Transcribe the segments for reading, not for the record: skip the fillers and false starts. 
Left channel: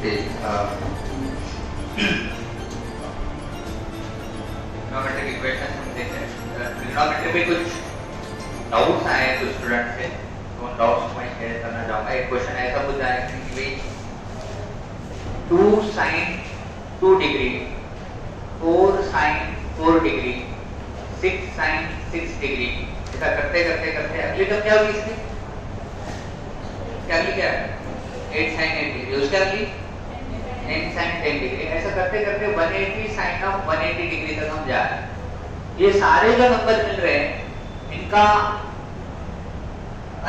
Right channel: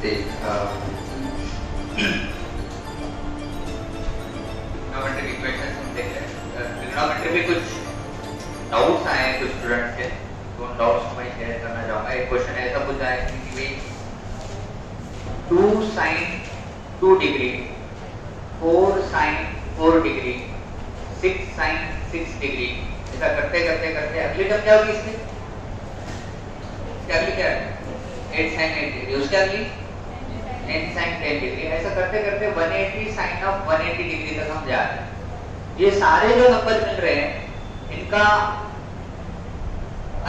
Trigonometric equation हम देख रहे हैं। ट्रिग्नोमेट्री में कुछ डाउट्स आए हैं कुछ स्टूडेंट से, तो उन डाउट्स को मैं शेयर करना चाहूँगा। एक क्वेश्चन ऐसा पूछा है कि भाई 2 sin 2 degree, 4 sin 4 degree, 6 sin 6 degree, ऐसा करते करते करते अगली टर्म क्या होगी इसकी? अगली क्या है? 8 sin 8 डिग्री, उसके अगली 10 sin 10 डिग्री, ऐसा करते करते 180 sin of 180 डिग्री तक हम जा रहे हैं। ये सारे जो नंबर मिल रहे हैं इनका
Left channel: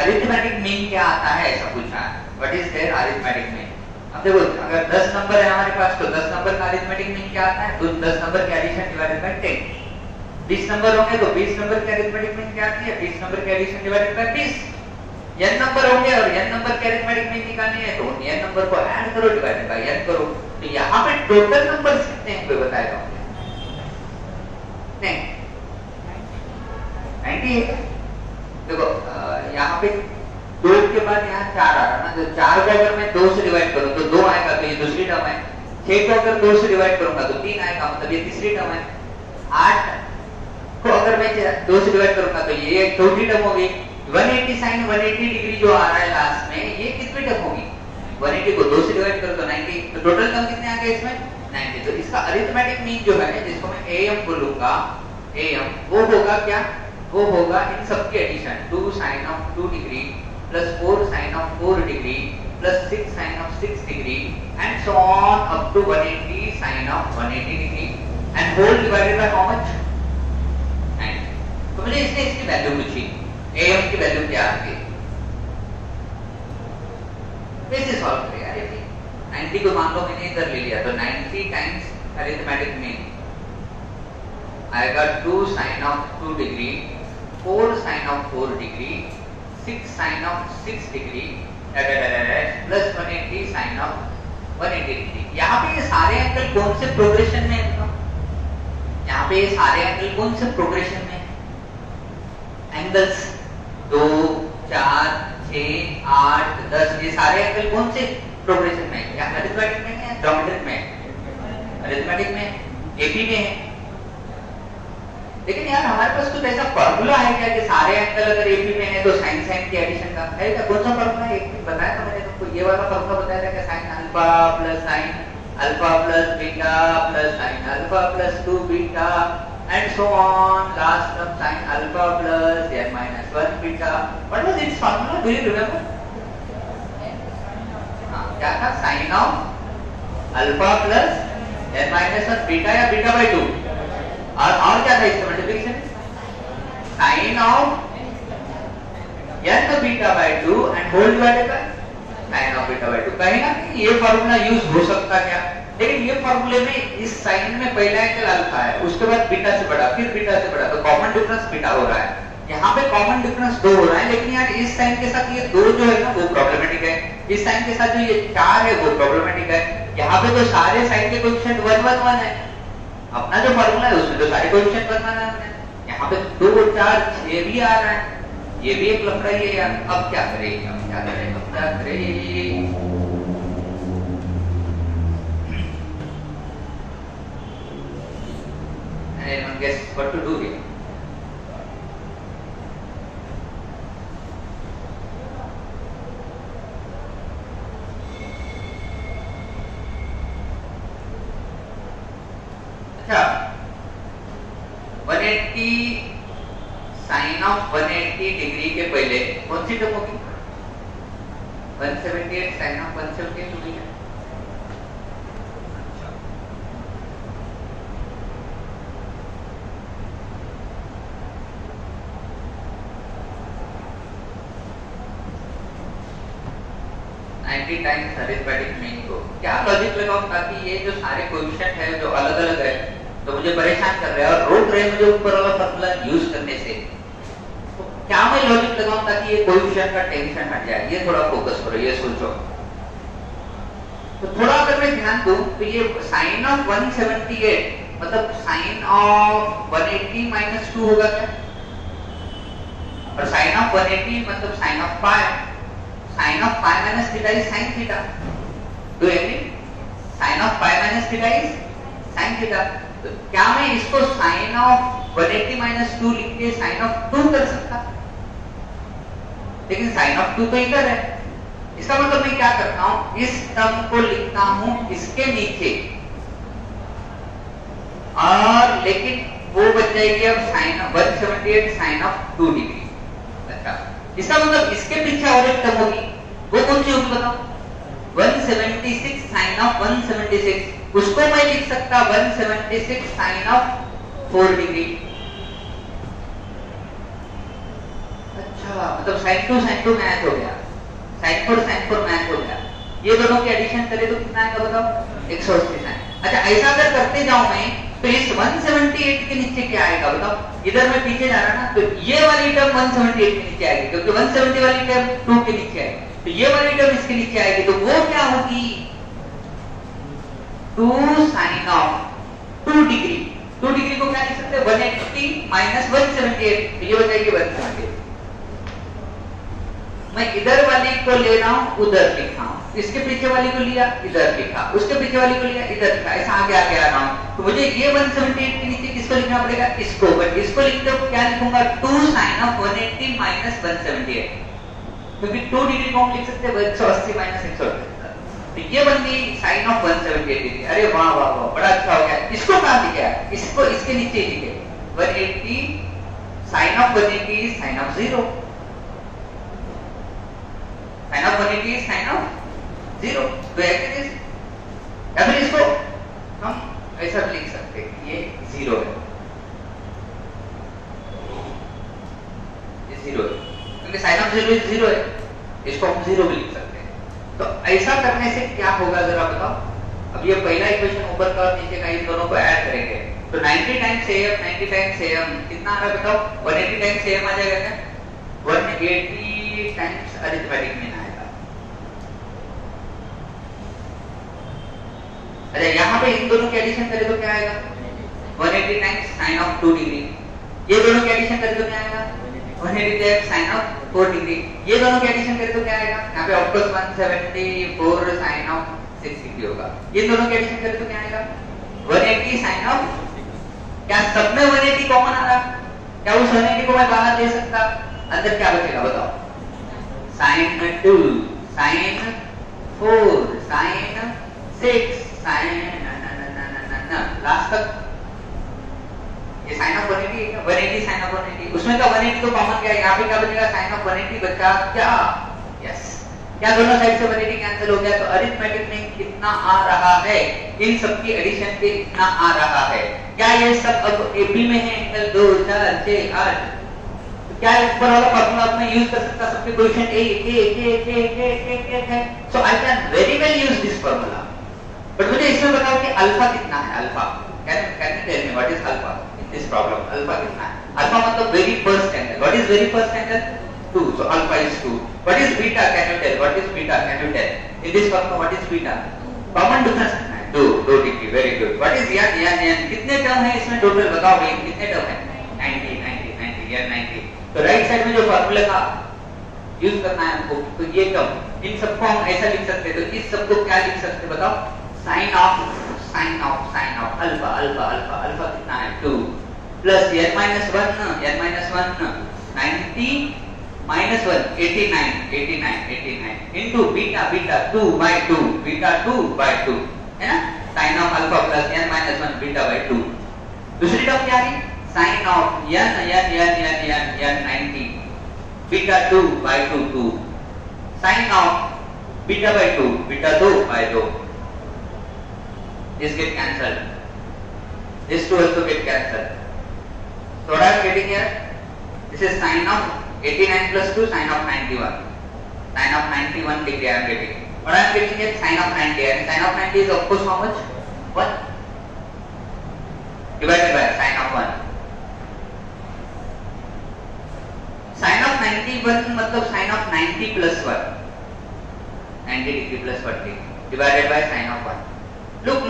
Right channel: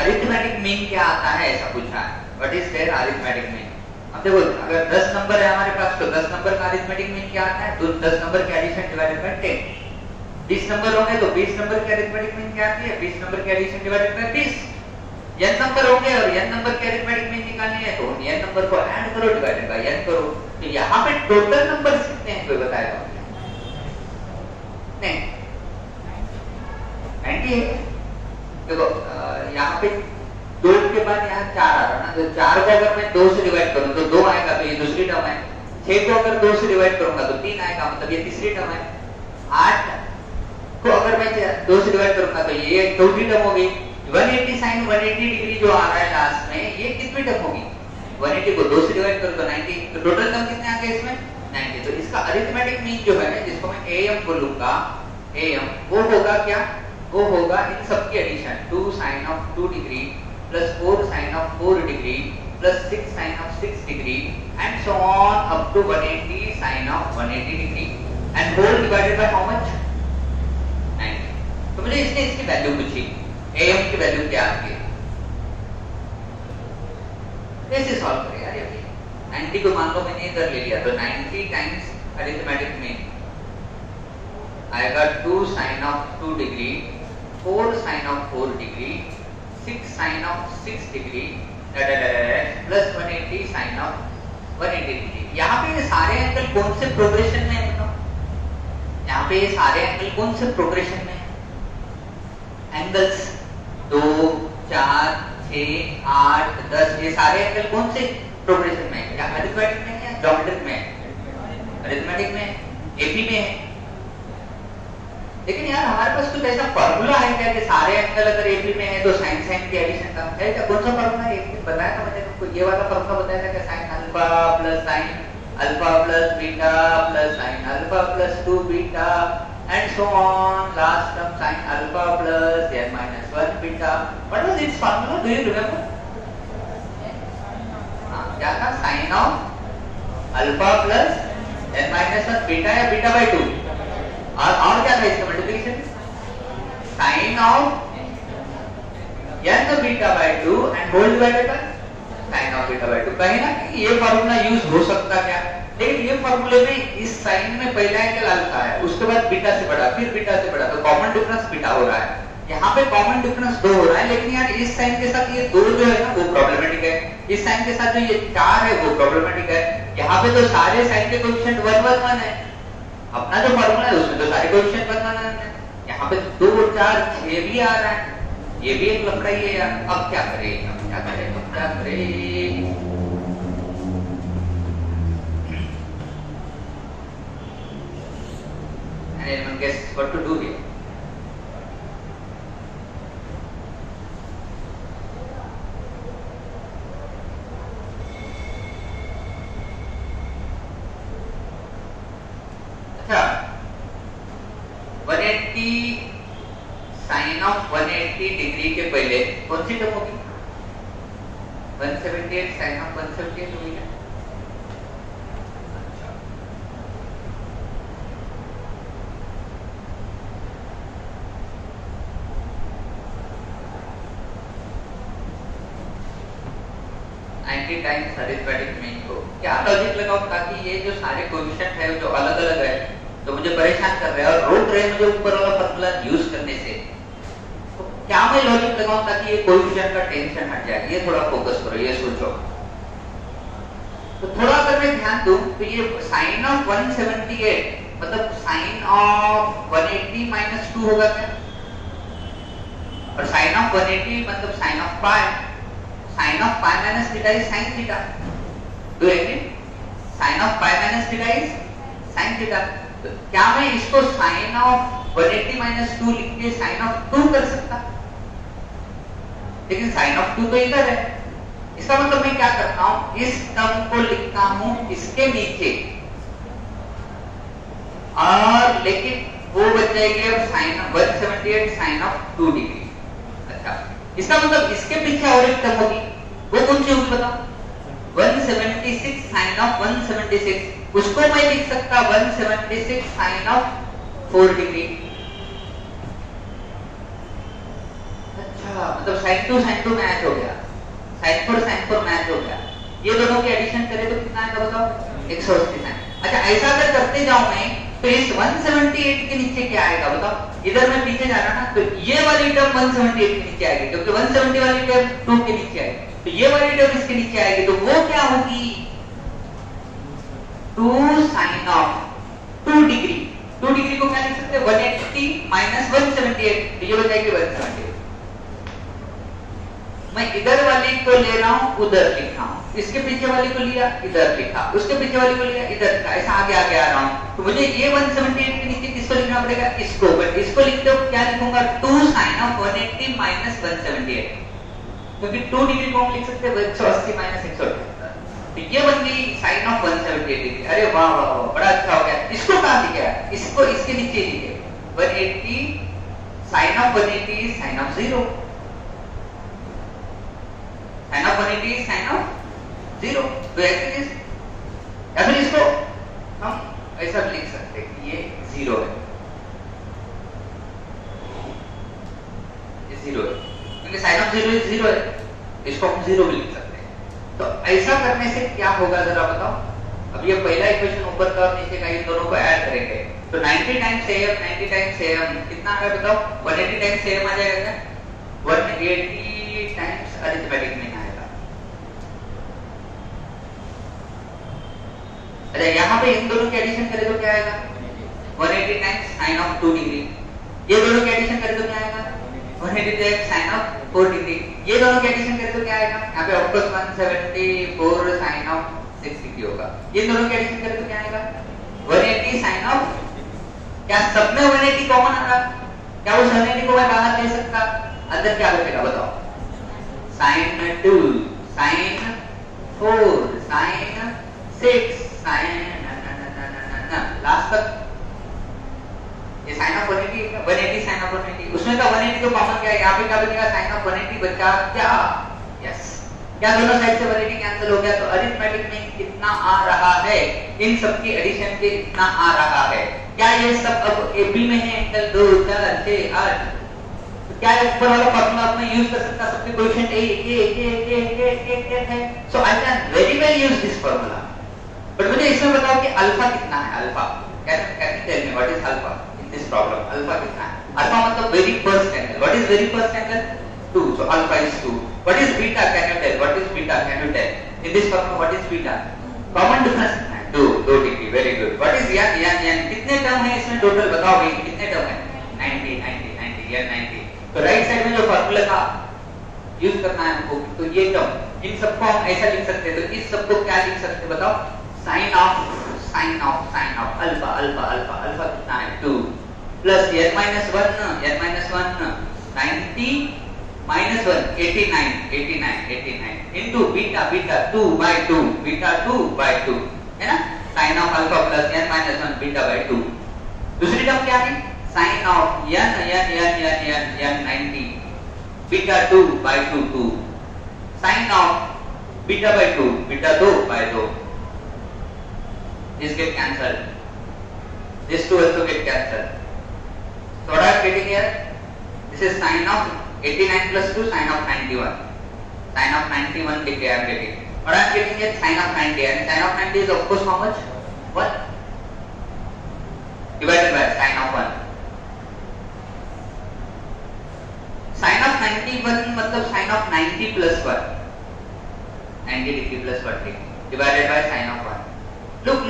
अरिथमेटिक मीन क्या आता है, ऐसा पूछा है। What is their arithmetic mean? अब देखो, अगर 10 नंबर है हमारे पास तो 10 नंबर का अरिथमेटिक मीन क्या आता है? तो 10 नंबर के एडिशन डिवाइडेड बाय 10। 20 नंबर होंगे तो 20 नंबर की अरिथमेटिक मीन क्या आती है? 20 नंबर के addition divided by 20। n number होंगे और n नंबर के अरिथमेटिक मीन निकालनी है तो n नंबर को ऐड करो, डिवाइडेड बाय n करो। तो यहाँ पे टोटल नंबर कितने हैं कोई बताएगा? नहीं 90 है। देखो यहाँ पे 2 के बाद यहाँ 4 आ रहा है ना, तो 4 को अगर मैं 2 से डिवाइड करूँ तो 2 आएगा, तो ये दूसरी टर्म है। 6 को अगर 2 से डिवाइड करूंगा तो 3 आएगा, मतलब ये तीसरी टर्म है। 8 को अगर मैं 2 से डिवाइड करूंगा तो ये चौथी टर्म होगी। 180 sin 180 डिग्री जो आ रहा है लास्ट में, ये कितनी टर्म होगी? 180 को 2 से डिवाइड करो तो 90, तो टोटल टर्म कितने आ गए इसमें? 90। तो इसका अरिथमेटिक मीन जो है, जिसको मैं am बोलूंगा, am वो होगा क्या? वो होगा इन सब की addition, 2 sin of 2 degree plus 4 sin of 4 degree plus 6 sin of 6 degree and so on up to 180 sin of 180 degree and whole divided by how much? 90। तो मुझे इसने इसकी वैल्यू पूछी, am की वैल्यू क्या आती है? कैसे सॉल्व करें यार? 90 को मान लो मैंने इधर ले लिया तो 90 टाइम्स अरिथमेटिक मीन आएगा 2 sin of 2 degree, 4 sin of 4 degree, 6 sin of 6 degree plus 180 sin of 180 degree. यहाँ पे ये सारे एंगल कौन से प्रोग्रेशन में है? यहाँ पे ये सारे एंगल कौन से प्रोग्रेशन में? एंगल्स 2, 4, 6, 8, 10, ये सारे एंगल कौन से प्रोग्रेशन में है? अरिथमेटिक में या ज्योमेट्रिक में? अरिथमेटिक में, एपी में है। लेकिन यार हमारे पास कुछ ऐसा फॉर्मूला है क्या कि सारे एंगल अगर एपी में है तो साइन साइन की एडिशन का है क्या? कौन सा फॉर्मूला है? एक बताया था मैंने तुमको, ये वाला फॉर्मूला बताया था कि sine alpha plus sine alpha plus beta plus sine alpha plus 2 beta and so on, last term sine alpha plus n minus 1 beta. What was its formula? Do you remember? क्या था? Sine of alpha plus n minus 1 beta या beta by 2, और क्या था इसका multiplication? Sine of n beta by 2 and whole divided by sine of beta by 2। कहीं ना कहीं ये फार्मूला यूज हो सकता क्या? लेकिन ये फार्मूले में इस साइन में पहला एंगल अल्फा है, उसके बाद बीटा से बड़ा, फिर बीटा से बड़ा, तो कॉमन डिफरेंस बीटा हो रहा है। यहाँ पे कॉमन डिफरेंस 2 हो रहा है, लेकिन यार इस साइन के साथ ये 2 जो है ना वो प्रॉब्लमेटिक है, इस साइन के साथ जो ये 4 है वो प्रॉब्लमेटिक है। यहाँ पे तो सारे साइन के कोएफिशिएंट 1 1 1 है, अपना जो फार्मूला है उसमें तो सारे कोएफिशिएंट बनाना है। यहाँ पे 2, 4, 6 भी आ रहा है, ये भी एक लफड़ा ही है यार। अब क्या करें? Anyone guess what to do here? अच्छा, 180 साइन ऑफ 180 डिग्री के पहले कौन सी टर्म होगी? 178 साइन ऑफ 178 होगी क्या? 90 टाइम्स अरिथमेटिक मीन को क्या लॉजिक लगाऊं ताकि ये जो सारे कोएफिशिएंट है जो अलग-अलग है तो मुझे परेशान कर रहे हैं, और रोक रहे हैं मुझे ऊपर वाला फार्मूला यूज करने से, तो क्या मैं लॉजिक लगाऊं ताकि ये कोएफिशिएंट का टेंशन हट जाए? ये थोड़ा फोकस करो, ये सोचो। तो थोड़ा अगर मैं ध्यान दूं तो ये साइन ऑफ 178 मतलब साइन ऑफ 180 माइनस 2 होगा क्या? और साइन ऑफ 180 मतलब sine of pi, sine of pi minus theta is sine theta. Do you agree? Sine of five minus theta is sine theta. तो क्या मैं इसको साइन ऑफ 180 माइनस 2 लिख के साइन ऑफ 2 कर सकता? लेकिन साइन ऑफ 2 तो इधर है। इसका मतलब मैं क्या करता हूं, इस टर्म को लिखता हूं इसके नीचे, और लेकिन वो बच जाएगी अब साइन 178 साइन ऑफ 2 डिग्री। अच्छा, इसका मतलब इसके पीछे और एक टर्म होगी, वो कौन सी होगी बताओ? 176 साइन ऑफ 176, उसको मैं लिख सकता 176 साइन ऑफ 4 डिग्री। अच्छा, मतलब साइन 2 मैच हो गया, साइन 4 मैच हो गया। ये दोनों की एडिशन करें तो कितना है बताओ? 180 साइन। अच्छा, ऐसा अगर करते जाऊं मैं तो इस 178 के नीचे क्या आएगा बताओ? इधर मैं पीछे जा रहा ना, तो ये वाली टर्म 178 के नीचे आएगी, क्योंकि 170 वाली टर्म 2 के नीचे आएगी, तो ये वाली टर्म इसके नीचे आएगी, तो वो क्या होगी? 2 साइन ऑफ 2 डिग्री। 2 डिग्री को क्या लिख सकते हैं? 180 माइनस 178, तो ये हो जाएगी 178। मैं इधर वाली को ले रहा हूं, उधर लिखा, इसके पीछे वाली को लिया, इधर लिखा, उसके पीछे वाली को लिया, इधर लिखा, ऐसा आगे आगे आ रहा हूं। तो मुझे ये 178 के नीचे किसको लिखना पड़ेगा? इसको। बट इसको लिखते हो क्या लिखूंगा? 2 साइन ऑफ 180 माइनस 178, क्योंकि 2 डिग्री को हम लिख सकते हैं 180 माइनस 180, तो ये बन गई साइन ऑफ 178 डिग्री। अरे वाह वाह वाह, बड़ा अच्छा हो गया। इसको कहां लिखा? इसको इसके नीचे लिखे 180 sine of 180 sine of 0, sine of 180 sine of 0, तो ऐसे या फिर इसको हम ऐसा भी लिख सकते हैं कि ये 0 है, ये 0 है, क्योंकि साइन ऑफ 0 0 है, इसको हम 0 भी लिख सकते हैं। तो ऐसा करने से क्या होगा जरा बताओ? अब ये पहला इक्वेशन ऊपर का और नीचे का, इन दोनों को ऐड करेंगे तो 90 टाइम्स am 90 टाइम्स am कितना आ रहा है बताओ? 180 टाइम्स am आ जाएगा क्या? 180 टाइम्स अरिथमेटिक में आएगा। अरे यहाँ पे इन दोनों की एडिशन करें तो क्या आएगा? 180 टाइम्स साइन ऑफ 2 डिग्री। ये दोनों की एडिशन करें तो क्या आएगा? 180 टाइम्स साइन ऑफ 4 डिग्री। ये दोनों की एडिशन करें तो क्या आएगा? यहाँ पे of course 174 sine of 6 degree होगा। ये दोनों की एडिशन करें तो क्या आएगा? 180 साइन ऑफ, क्या सब में 180 कॉमन आ रहा? क्या उस 180 को मैं बाहर ले सकता? अंदर क्या बचेगा बताओ? साइन 2 साइन 4 साइन 6 लास्ट तक ये साइन ऑफ 180 साइन ऑफ 180, उसमें का 180 तो कॉमन क्या है? यहाँ पे क्या बचेगा? साइन ऑफ 180 बचा क्या? यस, क्या दोनों साइड से 180 कैंसिल हो गया, तो अरिथमेटिक में कितना आ रहा है? इन सब की एडिशन पे कितना आ रहा है? क्या ये सब अब एपी में है? एंगल 2 4 6 8, क्या ऊपर वाला फॉर्मूला आपने यूज कर सकता? सबके कोएफिशिएंट a है, so I can very well use this formula. But मुझे इसमें बताओ कि अल्फा कितना है? Alpha can you tell me what is alpha in this problem? Alpha कितना है? अल्फा मतलब very first angle. What is very first angle? 2, so alpha is 2. What is beta? Can you tell? What is beta? Can you tell? In this formula, what is beta? Common difference कितना है? 2 degree. Very good. What is yan? कितने term है इसमें total बताओ? ये कितने term है? 90 90 तो राइट साइड में जो फॉर्मूला था यूज करना है हमको, तो ये टर्म, इन सबको हम ऐसा लिख सकते हैं। तो इस सब को क्या लिख सकते हैं बताओ? साइन ऑफ अल्फा कितना है? 2 plus n minus 1 90 minus 1 89 into beta 2 by 2 है ना? Sine of alpha plus n minus 1 beta by 2। दूसरी टर्म क्या है? Sine of n 90 beta 2 by 2 sine of beta by 2 beta 2 by 2। This get cancelled. This two also get cancelled. So what I am getting here? This is sine of 89 plus 2 sine of 91. Sine of 91 degree I am getting. What I am getting here? Sine of 90. And sine of 90 is of course how much? 1 divided by sine of 1. Sine of 91 मतलब sine of 90 plus 1. 90 degree plus 1 divided by sine of 1. Look.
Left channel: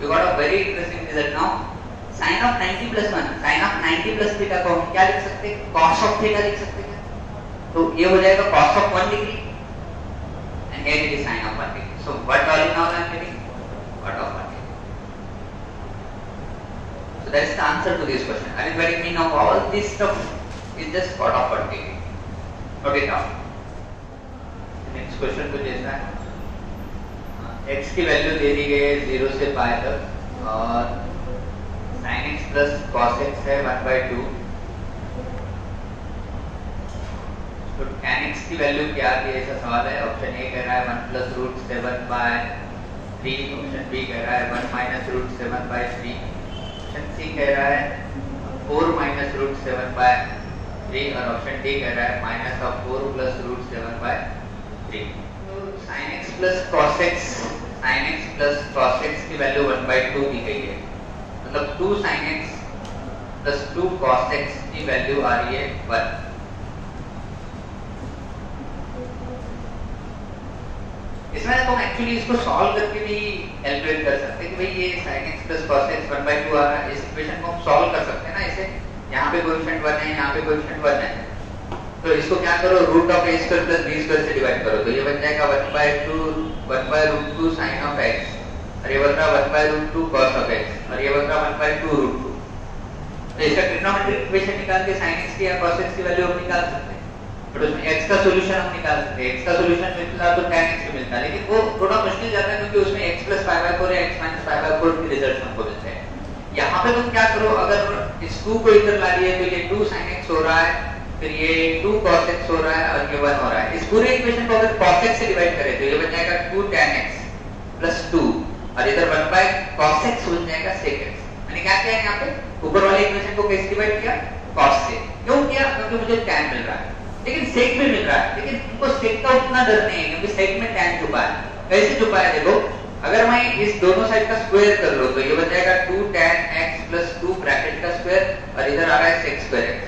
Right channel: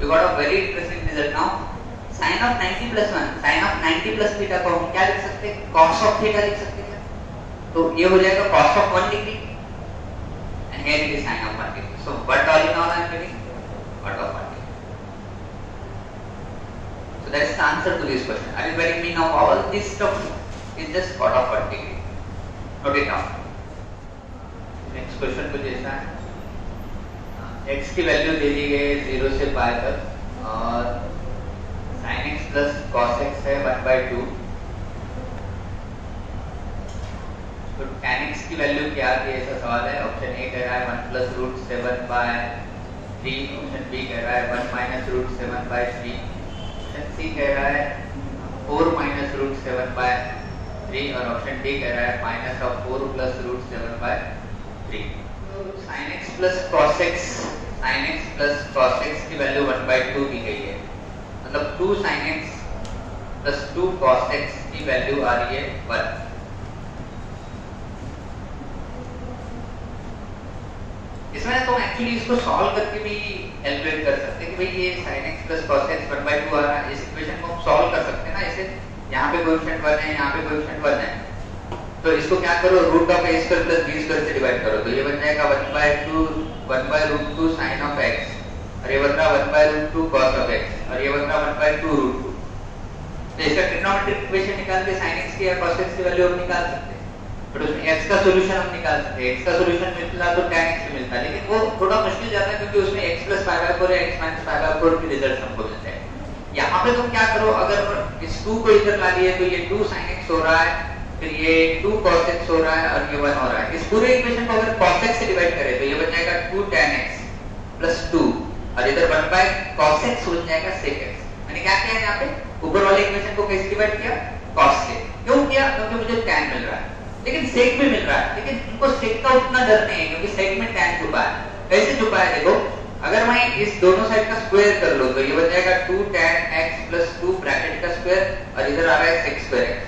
You got a very interesting result now. Sin of 90 plus 1, sin of 90 plus theta को हम क्या लिख सकते हैं? Cos of theta लिख सकते हैं। तो ये हो जाएगा cos of 1 degree and here it is sin of 1 degree. So what all in all I am getting? what of 180. So that is the answer to this question. I mean, very mean of all this stuff is just what of 180. Note it down. Next question को जैसा है x की value दे दी गई है 0 से पाई तक और sin x plus cos x है 1/2. तो tan x की वैल्यू क्या थी ऐसा सवाल है. ऑप्शन ए कह रहा है 1 plus root 7/3. ऑप्शन बी कह रहा है 1 minus root 7/3. ऑप्शन सी कह रहा है 4 minus root 7/3 और ऑप्शन डी कह रहा है minus of 4 plus root 7/3. sin x plus cos x की वैल्यू 1/2 दी गई है. मतलब 2 sin x plus 2 cos x की वैल्यू आ रही है 1. इसमें तो एक्चुअली इसको सॉल्व करके भी कैलकुलेट कर सकते हैं कि भाई ये sin x plus cos x 1/2 आ रहा है. इस इक्वेशन को हम सॉल्व कर सकते हैं ना. इसे यहाँ पे कोएफिशिएंट 1 है, यहाँ पे कोएफिशिएंट 1 है, तो इसको क्या करो root of a square plus b square से डिवाइड करो. तो ये बन जाएगा 1/√2 sin of x और ये बन रहा 1/√2 cos of x और ये बन रहा 1/2√2. तो इसका ट्रिग्नोमेट्रिक इक्वेशन निकाल के sin x की या cos x की वैल्यू हम निकाल सकते हैं. बट उसमें x का सॉल्यूशन हम निकाल सकते हैं. x का सॉल्यूशन मिलता तो tan x भी मिलता, लेकिन वो थोड़ा मुश्किल जाता है क्योंकि उसमें x + π/4 या x - π/4 के रिजल्ट हमको मिलते हैं. यहाँ पे तुम क्या करो, अगर इस 2 को इधर ला लिए तो ये 2 sin x हो रहा है, फिर ये 2 cos x हो रहा है और ये 1 हो रहा है. इस पूरे इक्वेशन को अगर cos x से डिवाइड करें तो ये बन जाएगा 2 tan x plus 2 और इधर 1/cos x बन जाएगा sec x. यानी क्या किया यहाँ पे ऊपर वाले इक्वेशन को कैसे डिवाइड किया, cos से. क्यों किया? क्योंकि मुझे tan मिल रहा है लेकिन sec भी मिल रहा है, लेकिन इनको sec का उतना डर नहीं है क्योंकि sec में tan छुपा है. कैसे छुपा है देखो, अगर मैं इस दोनों साइड का स्क्वायर कर लूं तो ये बन जाएगा 2 tan x plus 2 ब्रैकेट का स्क्वायर और इधर आ रहा है sec square x.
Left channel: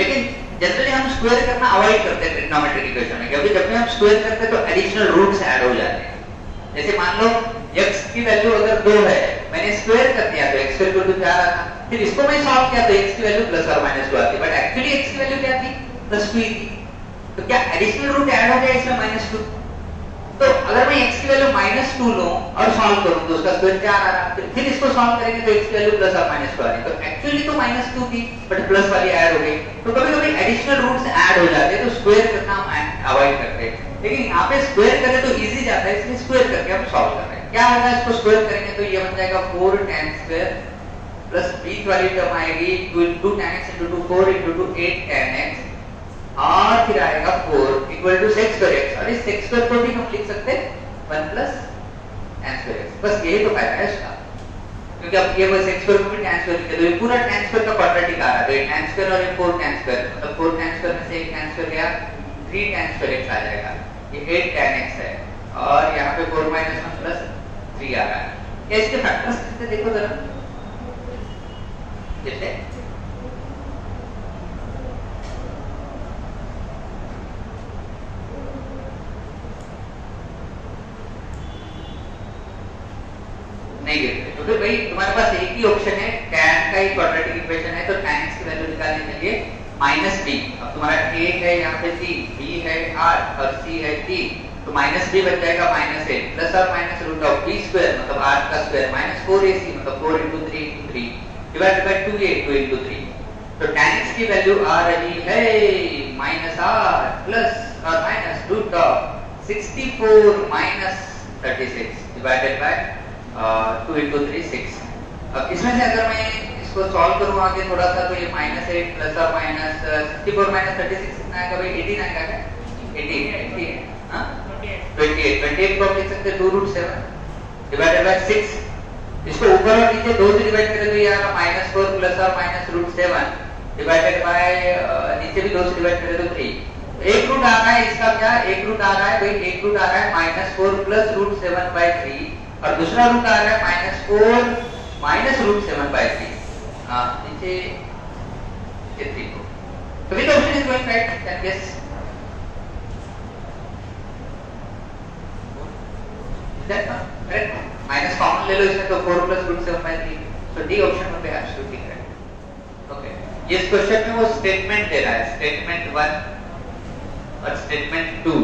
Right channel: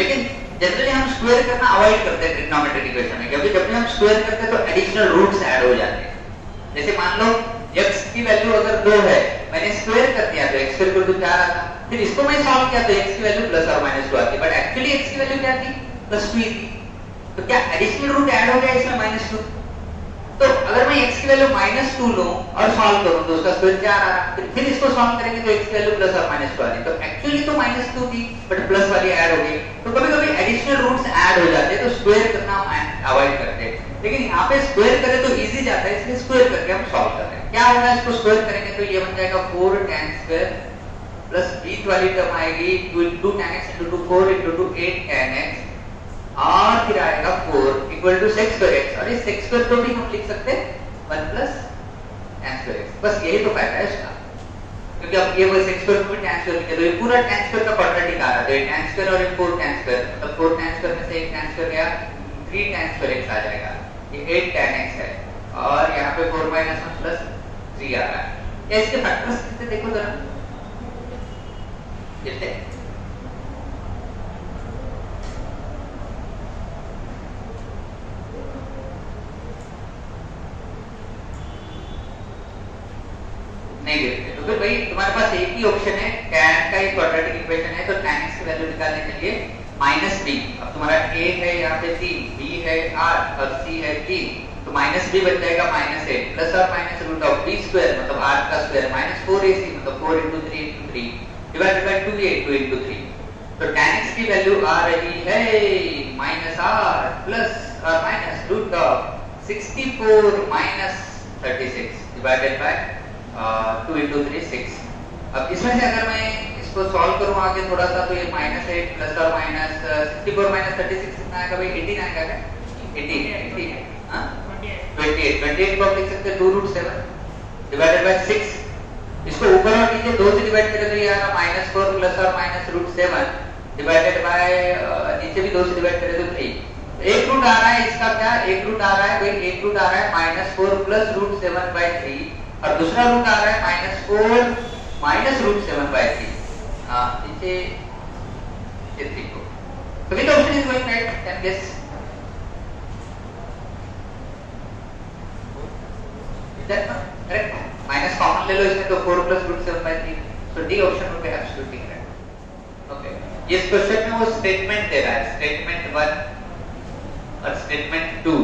लेकिन जनरली हम स्क्वायर करना अवॉइड करते हैं ट्रिग्नोमेट्रिक इक्वेशन में, क्योंकि जब भी हम स्क्वायर करते हैं तो एडिशनल रूट्स ऐड हो जाते हैं. जैसे मान लो x की वैल्यू अगर 2 है, मैंने स्क्वायर कर दिया तो x स्क्वायर को 4 आया, फिर इसको मैं सॉल्व किया तो x की वैल्यू +or -2 आती है, बट एक्चुअली x की वैल्यू क्या थी, +2 थी. तो क्या एडिशनल रूट ऐड हो गया इसमें -2. तो अगर मैं x की वैल्यू -2 लूं और सॉल्व करूं तो उसका स्क्वायर क्या आ रहा है, फिर इसको सॉल्व करेंगे तो x की वैल्यू +or -2 आ रही है. तो एक्चुअली तो -2 थी बट प्लस वाली ऐड हो गई. तो कभी-कभी एडिशनल रूट्स ऐड हो जाते हैं तो स्क्वायर करना अवॉइड करते हैं, लेकिन यहाँ पे स्क्वायर करें तो इजी जाता है, इसलिए स्क्वायर करके हम सॉल्व कर रहे हैं. क्या होगा, इसको स्क्वायर करेंगे तो ये बन जाएगा 4 tan स्क्वायर प्लस बीच वाली टर्म आएगी 2 tan x * 2 4 * 2 8 tan x और फिर आएगा 4 = sec square x. और इस sec square को भी हम लिख सकते हैं 1 + tan square x. बस यही तो फायदा है इसका, क्योंकि अब ये sec square को भी tan square लिखे तो ये पूरा tan square का क्वाड्रेटिक आ रहा है. तो ये tan square और ये 4 tan square, मतलब 4 tan square में से एक tan square गया, 3 tan square x आ जाएगा. ये 8 tan x है और यहाँ पे 4 - 1 + 3 आ रहा है. इसके फैक्टर्स कितने देखो जरा, कितने नहीं देते, क्योंकि भाई तुम्हारे पास एक ही ऑप्शन है, tan का ही क्वाड्रेटिक इक्वेशन है, तो tan x की वैल्यू निकालने के लिए -b. अब तुम्हारा a है यहाँ पे 3, b है 8 और c है 3, तो -b बन जाएगा -8 + or -√b स्क्वायर मतलब 8 का स्क्वायर -4ac मतलब 4 * 3 * 3 डिवाइडेड बाय 2a 2 * 3. तो tan x की वैल्यू आ रही है -8 + or -√64 - 36 डिवाइडेड बाय 2 * 3 6. अब इसमें से अगर मैं इसको सॉल्व करूं आगे थोड़ा सा तो ये -8 + or -64 - 36 कितना आएगा भाई, 18 आएगा क्या, 18 है हां 28 को लिख सकते हैं 2√7 डिवाइडेड बाय 6. इसको ऊपर और नीचे 2 से डिवाइड करें तो ये आएगा -4 + or -√7 डिवाइडेड बाय नीचे भी 2 से डिवाइड करें तो 3. एक रूट आ रहा है इसका, क्या एक रूट आ रहा है भाई, एक रूट आ रहा है -4 + √7/3 और दूसरा रूट आ रहा है -4 - √7/3. नीचे 3 को तो which option is going right, can guess. That correct, minus common ले लो इसमें तो 4 + √7/3, so D option would be absolutely correct. Okay, इस क्वेश्चन में वो स्टेटमेंट दे रहा है, स्टेटमेंट 1 और स्टेटमेंट 2।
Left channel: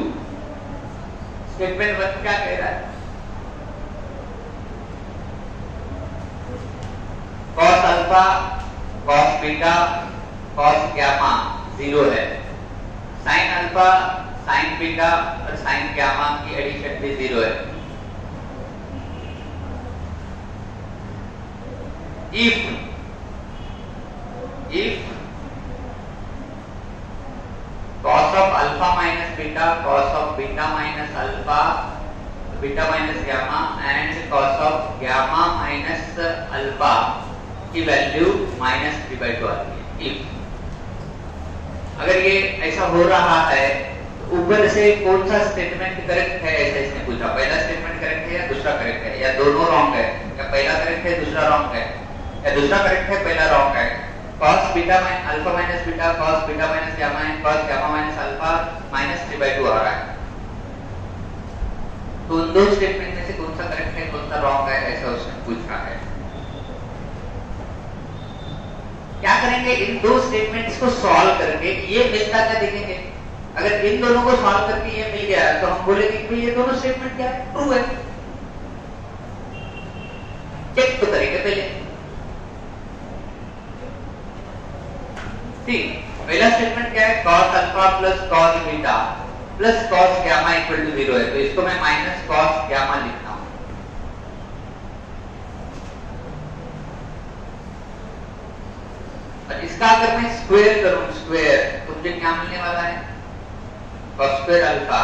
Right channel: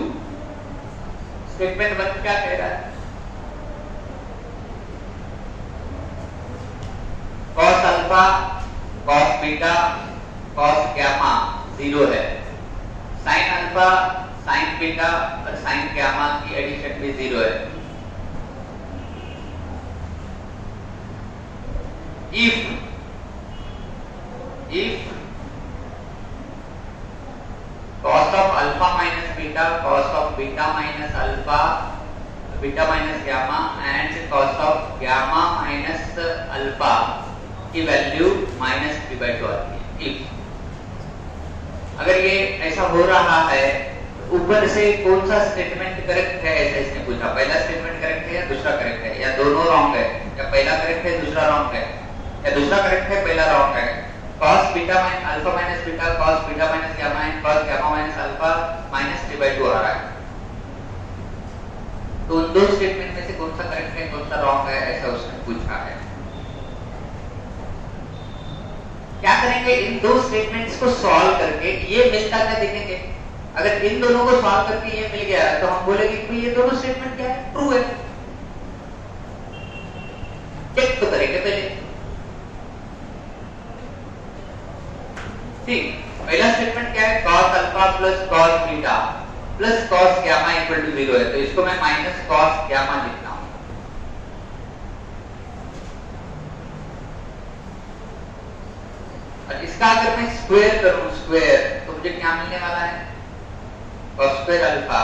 स्टेटमेंट 1 क्या कह रहा है? cos alpha, cos beta, cos gamma 0 है। sin अल्फा, sin बीटा और sin गामा की एडिशन भी 0 है। if cos of alpha minus beta, cos of beta minus alpha, beta minus gamma and cos of gamma minus alpha की value -3/2 आती है। if अगर ये ऐसा हो रहा है तो ऊपर से कौन सा स्टेटमेंट करेक्ट है ऐसा इसने पूछा। पहला स्टेटमेंट करेक्ट है या दूसरा करेक्ट है, या दोनों रॉन्ग है, या पहला करेक्ट है दूसरा रॉन्ग है, या दूसरा करेक्ट है पहला रॉन्ग है। cos beta minus alpha minus beta, cos beta minus gamma and cos gamma minus alpha -3/2 आ रहा है। तो उन दो स्टेटमेंट में से कौन सा करेक्ट है कौन सा रॉन्ग है ऐसा उसने पूछा है। क्या करेंगे, इन दो स्टेटमेंट्स को सॉल्व करके ये मिलता क्या देखेंगे। अगर इन दोनों को सॉल्व करके ये मिल गया तो हम बोलेंगे कि ये दोनों स्टेटमेंट क्या है, ट्रू है। चेक तो करेंगे पहले। ठीक, पहला स्टेटमेंट क्या है, cos alpha plus cos beta plus cos gamma equal to 0 है, तो इसको मैं माइनस cos गामा लिखता हूं। और इसका अगर मैं स्क्वायर करूं, स्क्वायर तो मुझे क्या मिलने वाला है, cos square alpha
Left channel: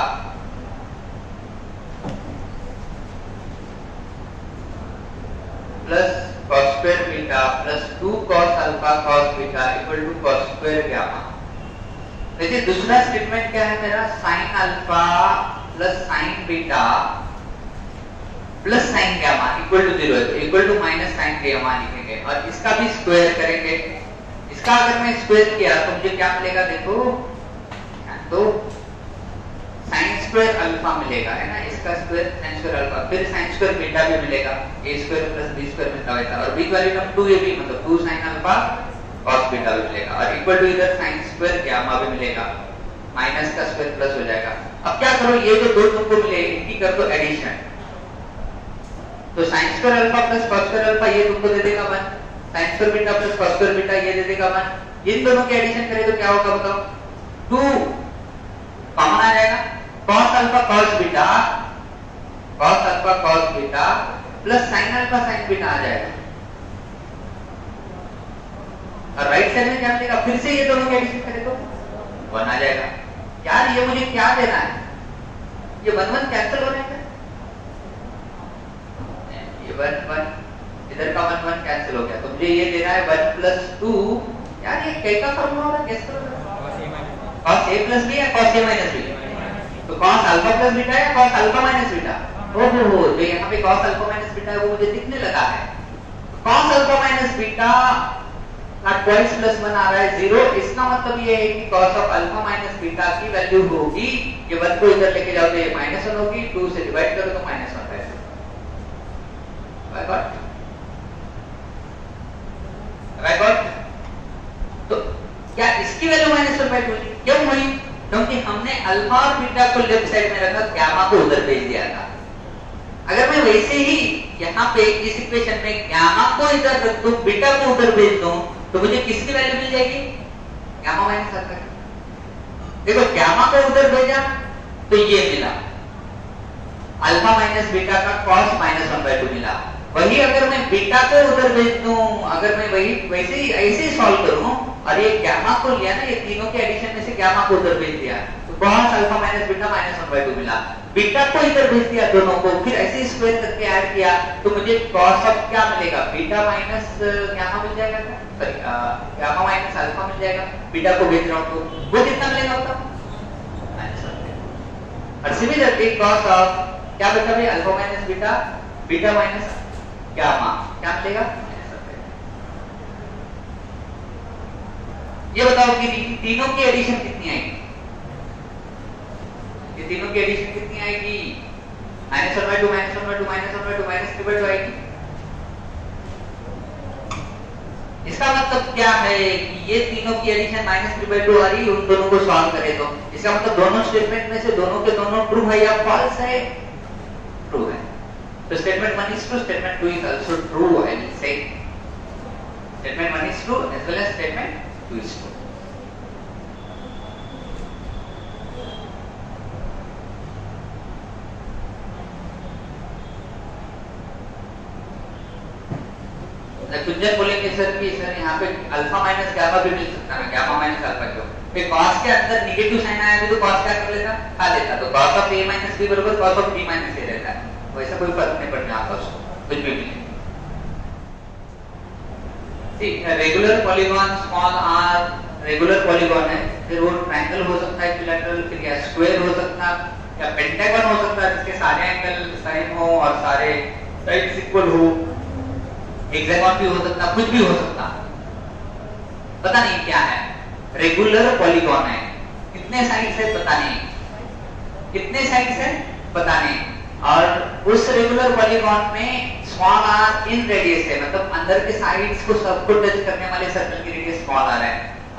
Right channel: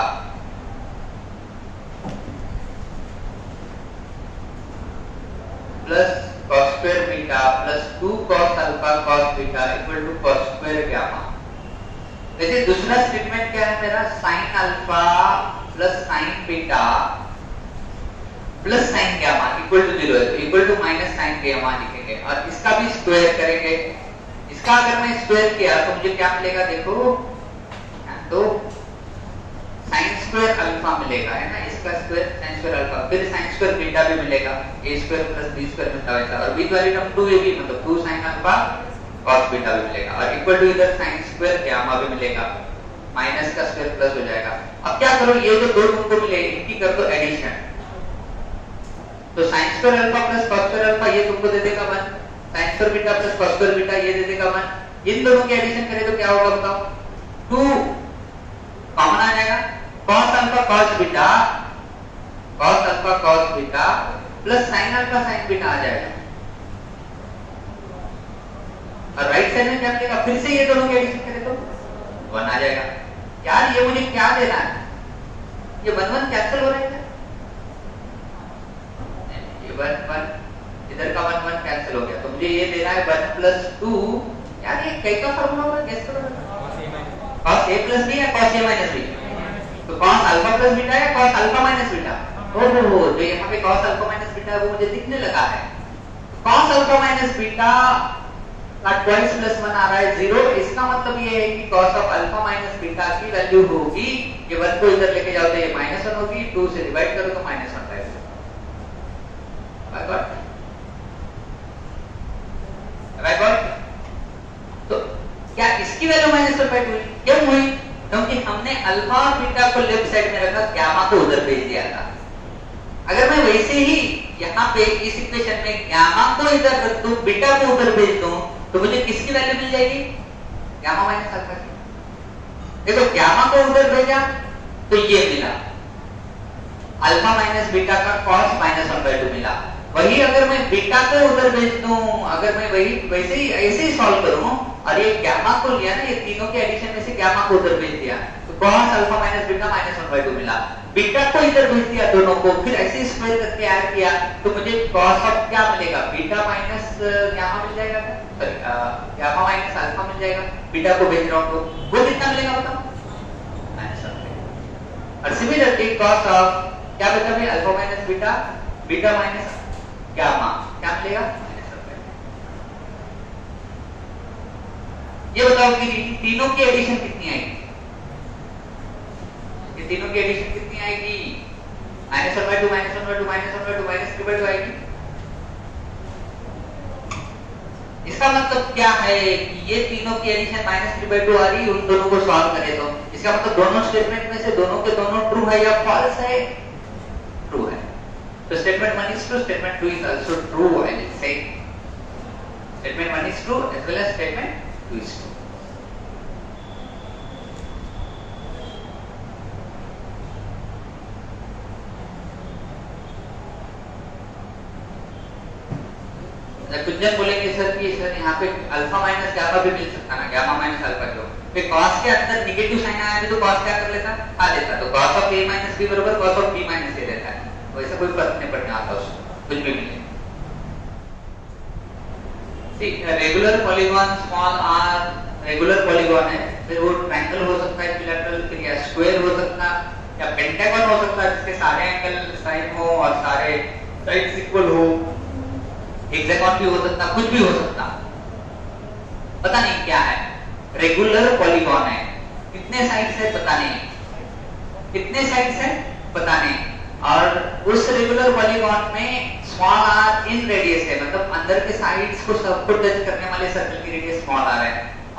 plus cos square beta plus 2 cos alpha cos beta equal to cos square gamma. देखिए दूसरा स्टेटमेंट क्या है मेरा, sin alpha plus sin beta plus sin gamma equal to 0 है, तो equal to minus sin gamma लिखेंगे और इसका भी स्क्वायर करेंगे। इसका अगर मैं स्क्वायर किया तो मुझे क्या मिलेगा, देखो तो sin स्क्वायर अल्फा मिलेगा, है ना, इसका स्क्वायर sin स्क्वायर अल्फा, फिर sin स्क्वायर बीटा भी मिलेगा, a square plus b square मिलता है और b वाली टर्म 2ab मतलब 2 sin अल्फा cos बीटा भी मिलेगा और इक्वल टू इधर sin स्क्वायर गामा भी मिलेगा, माइनस का स्क्वायर प्लस हो जाएगा। अब क्या करो, ये जो दो तुमको मिले इनकी कर दो एडिशन, तो sin square alpha plus cos square alpha ये तुमको दे देगा 1, sin square beta plus cos square beta ये दे देगा 1। इन दोनों की एडिशन करें तो क्या होगा बताओ, 2 कॉमन आ जाएगा, cos alpha cos beta plus sin alpha sin beta आ जाएगा और राइट साइड में क्या मिलेगा, फिर से ये दोनों के एडिशन करें तो 1 आ जाएगा। यार ये मुझे क्या देना है, ये 1 1 कैंसिल हो जाएगा, ये 1 1 इधर का 1 1 कैंसिल हो गया, तो मुझे ये देना है 1 प्लस 2। यार ये कैसा फॉर्मूला होगा, कैसे होगा, cos a प्लस b या cos a माइनस b, तो cos अल्फा प्लस बीटा या cos अल्फा माइनस बीटा। ओहो, जो यहाँ पे cos अल्फा माइनस बीटा है वो मुझे दिखने लगा है, cos अल्फा माइनस बीटा का ट्वाइस प्लस 1 आ रहा है 0, इसका मतलब ये है कि cos of alpha minus beta की वैल्यू होगी, ये 1 को इधर लेके जाओ तो ये -1 होगी, 2 से डिवाइड करो तो -1 आएगा। बाय गॉड, तो क्या इसकी वैल्यू -1/2 हुई? क्यों हुई? क्योंकि हमने अल्फा और बीटा को लेफ्ट साइड में रखा, गामा को उधर भेज दिया था। अगर मैं वैसे ही यहाँ पे इस इक्वेशन में गामा को इधर रख दूं, बीटा को उधर भेज दूं, तो मुझे किसकी वैल्यू मिल जाएगी, गामा माइनस अल्फा की। देखो गामा को उधर भेजा तो ये मिला, अल्फा माइनस बीटा का cos -1/2 मिला। वही अगर मैं बीटा को उधर भेज दूं, अगर मैं वही वैसे ही ऐसे ही सॉल्व करूं और ये गामा को लिया ना, ये तीनों के एडिशन में से गामा को उधर भेज दिया तो cos अल्फा माइनस बीटा -1/2 मिला। बीटा को इधर भेज दिया दोनों को, फिर ऐसे स्क्वायर करके ऐड किया तो मुझे cos ऑफ क्या मिलेगा, बीटा माइनस गामा मिल जाएगा, सॉरी गामा माइनस अल्फा मिल जाएगा। बीटा को भेज रहा हूं तो वो कितना मिलेगा बताओ, और सिमिलरली cos ऑफ क्या बचा भाई, alpha minus beta, beta minus gamma क्या मिलेगा। ये बताओ कि तीनों की एडिशन कितनी आएगी, ये तीनों की एडिशन कितनी आएगी, -1/2 -1/2 -1/2 -3/2 आएगी। इसका इसका मतलब क्या है कि ये तीनों की एडिशन -3/2 आ रही है, उन दोनों को सॉल्व करें तो इसका मतलब दोनों स्टेटमेंट में से दोनों के दोनों ट्रू है या फॉल्स है? ट्रू है। तो statement 1 is true, statement 2 is also true. I will say statement 1 is true as well as statement 2 is true. कुछ जन बोलेंगे सर कि सर यहाँ पे अल्फा माइनस गामा भी मिल सकता है, गामा माइनस अल्फा क्यों? फिर cos के अंदर नेगेटिव साइन आया तो cos क्या कर लेता? खा लेता। तो cos of a minus b बराबर cos of b minus a रहता है। वैसा कोई फर्क नहीं पड़ने आता उसको, कुछ भी नहीं। ठीक है, regular polygon small r regular polygon है, फिर वो ट्रायंगल हो सकता है, इक्विलैटरल, फिर या स्क्वायर हो सकता है या पेंटागन हो सकता है जिसके सारे एंगल साइन हो और सारे साइड्स इक्वल हो, हेक्सागन भी हो सकता, कुछ भी हो सकता, पता नहीं क्या है। रेगुलर पॉलीगॉन है, कितने साइड्स है पता नहीं, कितने साइड्स है पता नहीं, और उस रेगुलर पॉलीगॉन में स्मॉल r इन रेडियस है, मतलब अंदर के साइड्स को सबको टच करने वाले सर्कल की रेडियस स्मॉल r है,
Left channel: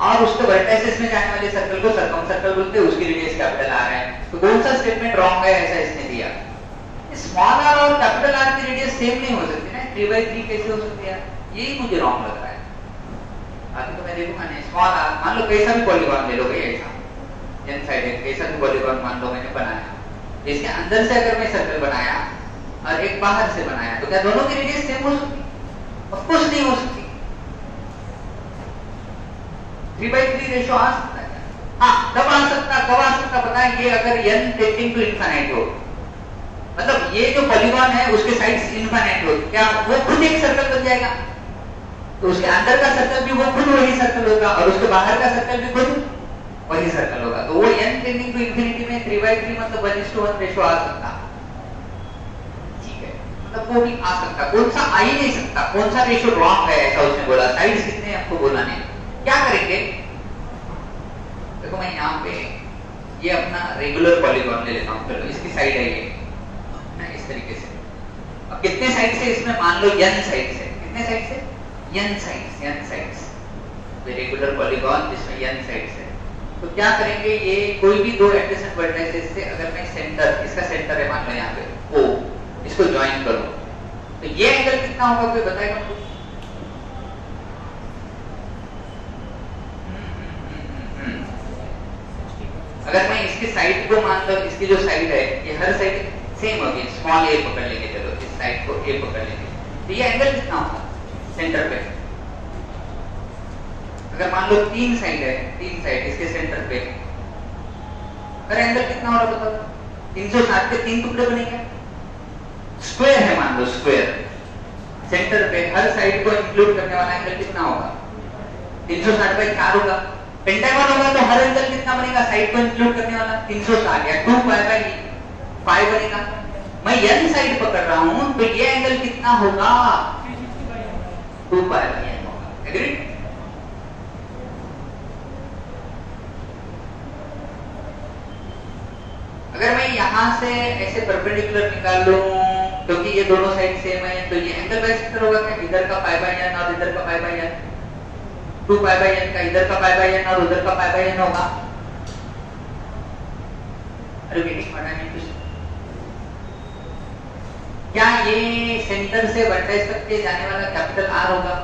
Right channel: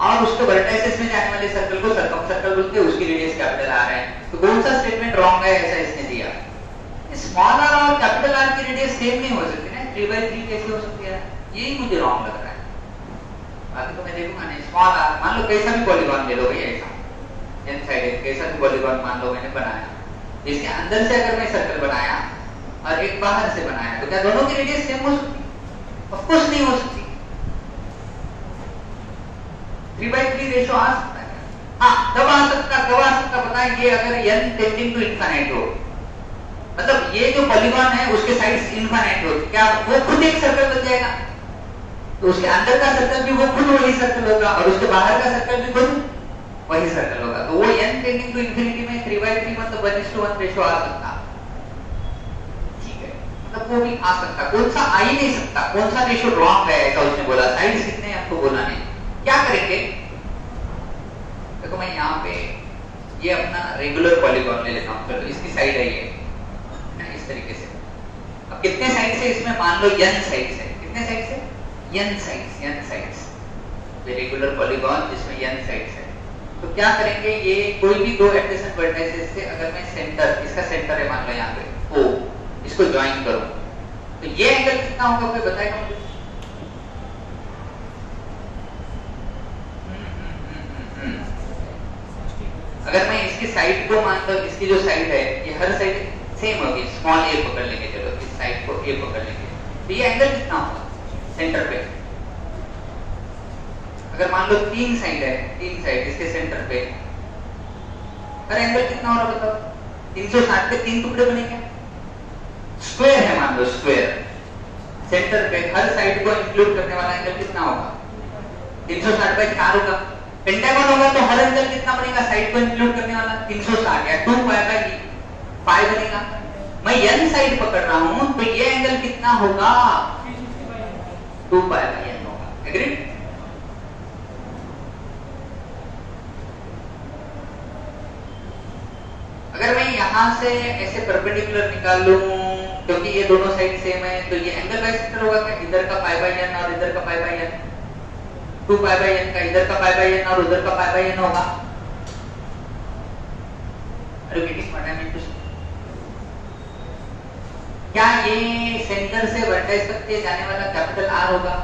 और उसके वर्टिसेस में जाने वाले सर्कल को सर्कमसर्कल बोलते हैं, उसकी रेडियस कैपिटल r है। तो कौन सा स्टेटमेंट रॉन्ग है ऐसा इसने दिया? स्मॉल r और कैपिटल R की रेडियस सेम नहीं हो सकती ना, 3/3 कैसे हो सकती है? यही मुझे रॉन्ग लग रहा है। बाकी तो मैं देखूंगा नहीं। स्मॉल r मान लो कैसा भी पॉलीगॉन ले लो भैया, ऐसा एन साइड है, कैसा भी पॉलीगॉन मान लो मैंने बनाया, इसके अंदर से अगर मैं सर्कल बनाया और एक बाहर से बनाया तो क्या दोनों की रेडियस सेम हो सकती? ऑफ कोर्स नहीं हो सकती। 3/3 रेशियो आ सकता है, हाँ कब आ सकता पता है? ये अगर n टेंडिंग टू इनफिनिट हो, मतलब ये जो पॉलीगॉन है उसके साइड्स इनफिनिट हो, क्या वो खुद एक सर्कल बन जाएगा? तो उसके अंदर का सर्कल भी वो खुद वही सर्कल होगा और उसके बाहर का सर्कल भी खुद वही सर्कल होगा। तो वो n टेंडिंग टू इंफिनिटी में 3/3 मतलब 1:1 रेशियो आ सकता, ठीक है, मतलब वो भी आ सकता। कौन सा आ ही नहीं सकता, कौन सा रेशियो रॉन्ग है ऐसा उसने बोला, साइड्स कितने हमको बोला नहीं। क्या करेंगे, देखो मैं यहाँ पे ये अपना रेगुलर पॉलीगॉन ले लेता हूँ, चलो इसकी साइड है ये इस तरीके से। अब कितने साइड से इसमें मान लो n साइड से, कितने साइड से? n साइड्स, रेगुलर पॉलीगॉन जिसमें n साइड्स है। तो क्या करेंगे, ये कोई भी दो एडजेसेंट वर्टिसेस से अगर मैं सेंटर, इसका सेंटर है मान लो यहाँ पे O, इसको ज्वाइन करूं तो ये एंगल कितना होगा कोई बताएगा मुझे? अगर मैं इसकी साइड को मान लो, इसकी जो साइड है ये हर साइड सेम होगी, स्मॉल a पकड़ लेंगे, चलो इस साइड को a पकड़ लेंगे, तो ये एंगल कितना होगा सेंटर पे? अगर मान लो तीन साइड है, तीन साइड इसके सेंटर पे, अगर एंगल कितना होगा बताओ? 360 के तीन टुकड़े बनेंगे, स्क्वायर है मान लो, स्क्वायर सेंटर पे हर साइड को इंक्लूड करने वाला एंगल कितना होगा? 360/4 होगा। पेंटागन होगा तो हर एंगल कितना बनेगा साइड को इंक्लूड करने वाला? 360 या 2π/5 बनेगा। मैं n साइड पकड़ रहा हूं तो ये एंगल कितना होगा? 2π/n होगा। एग्रीड? अगर मैं यहां से ऐसे परपेंडिकुलर निकाल लूं, क्योंकि ये दोनों साइड सेम है, तो ये एंगल वैसे होगा क्या? इधर का π/n और इधर का π/n, 2π/n का इधर का π/n और उधर का π/n होगा। क्या ये सेंटर से वर्टेक्स तक के जाने वाला कैपिटल R होगा?